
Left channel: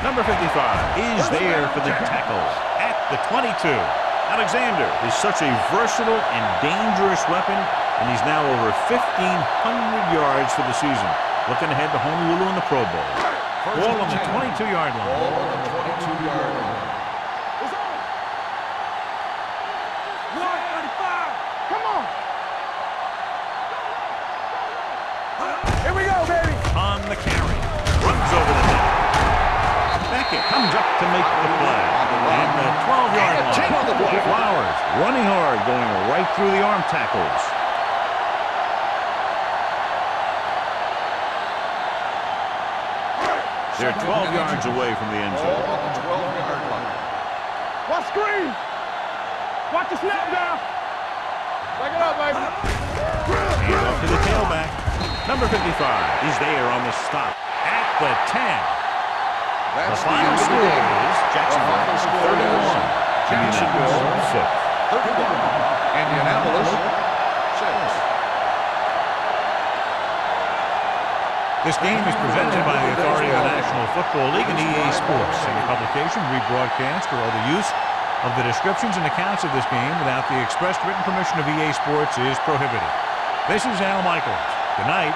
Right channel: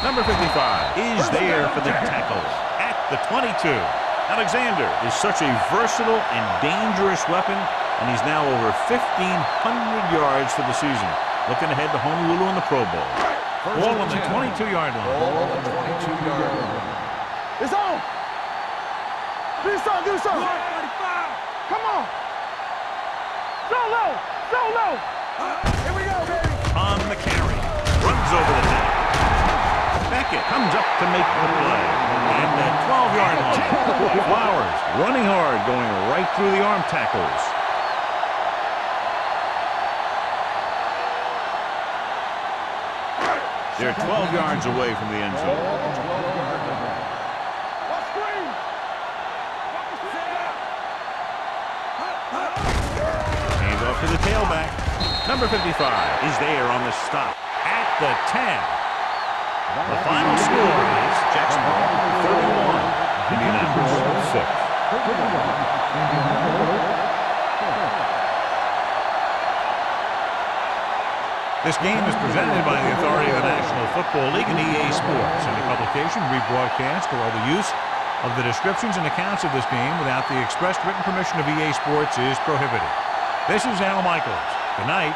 Number 55 is there for the tackle at the 22. Alexander is such a versatile and dangerous weapon, and he's now over 1,500 yards for the season. Looking ahead to Honolulu in the Pro Bowl. Ball on the 22-yard line. Ball on the 22-yard line. It's on. Do something. 35. Come on. Go low. Here we go, baby. On the carry. Runs over the net. Beckett comes up to make the play at the 12-yard line. Flowers running hard, going right through the arm tackles. They're 12 yards away from the end zone. Ball on the 12-yard line. Watch screen. Watch the snap down. Back it up, baby. Hand off to the tailback. Number 55 is there on the stop at the 10. The final score is Jacksonville 31, Indianapolis 6. 31, Indianapolis 6. This game is presented by the authority of the National Football League and EA Sports. Any publication, rebroadcast, or other use of the descriptions and accounts of this game without the expressed written permission of EA Sports is prohibited. This is Al Michaels. Good night.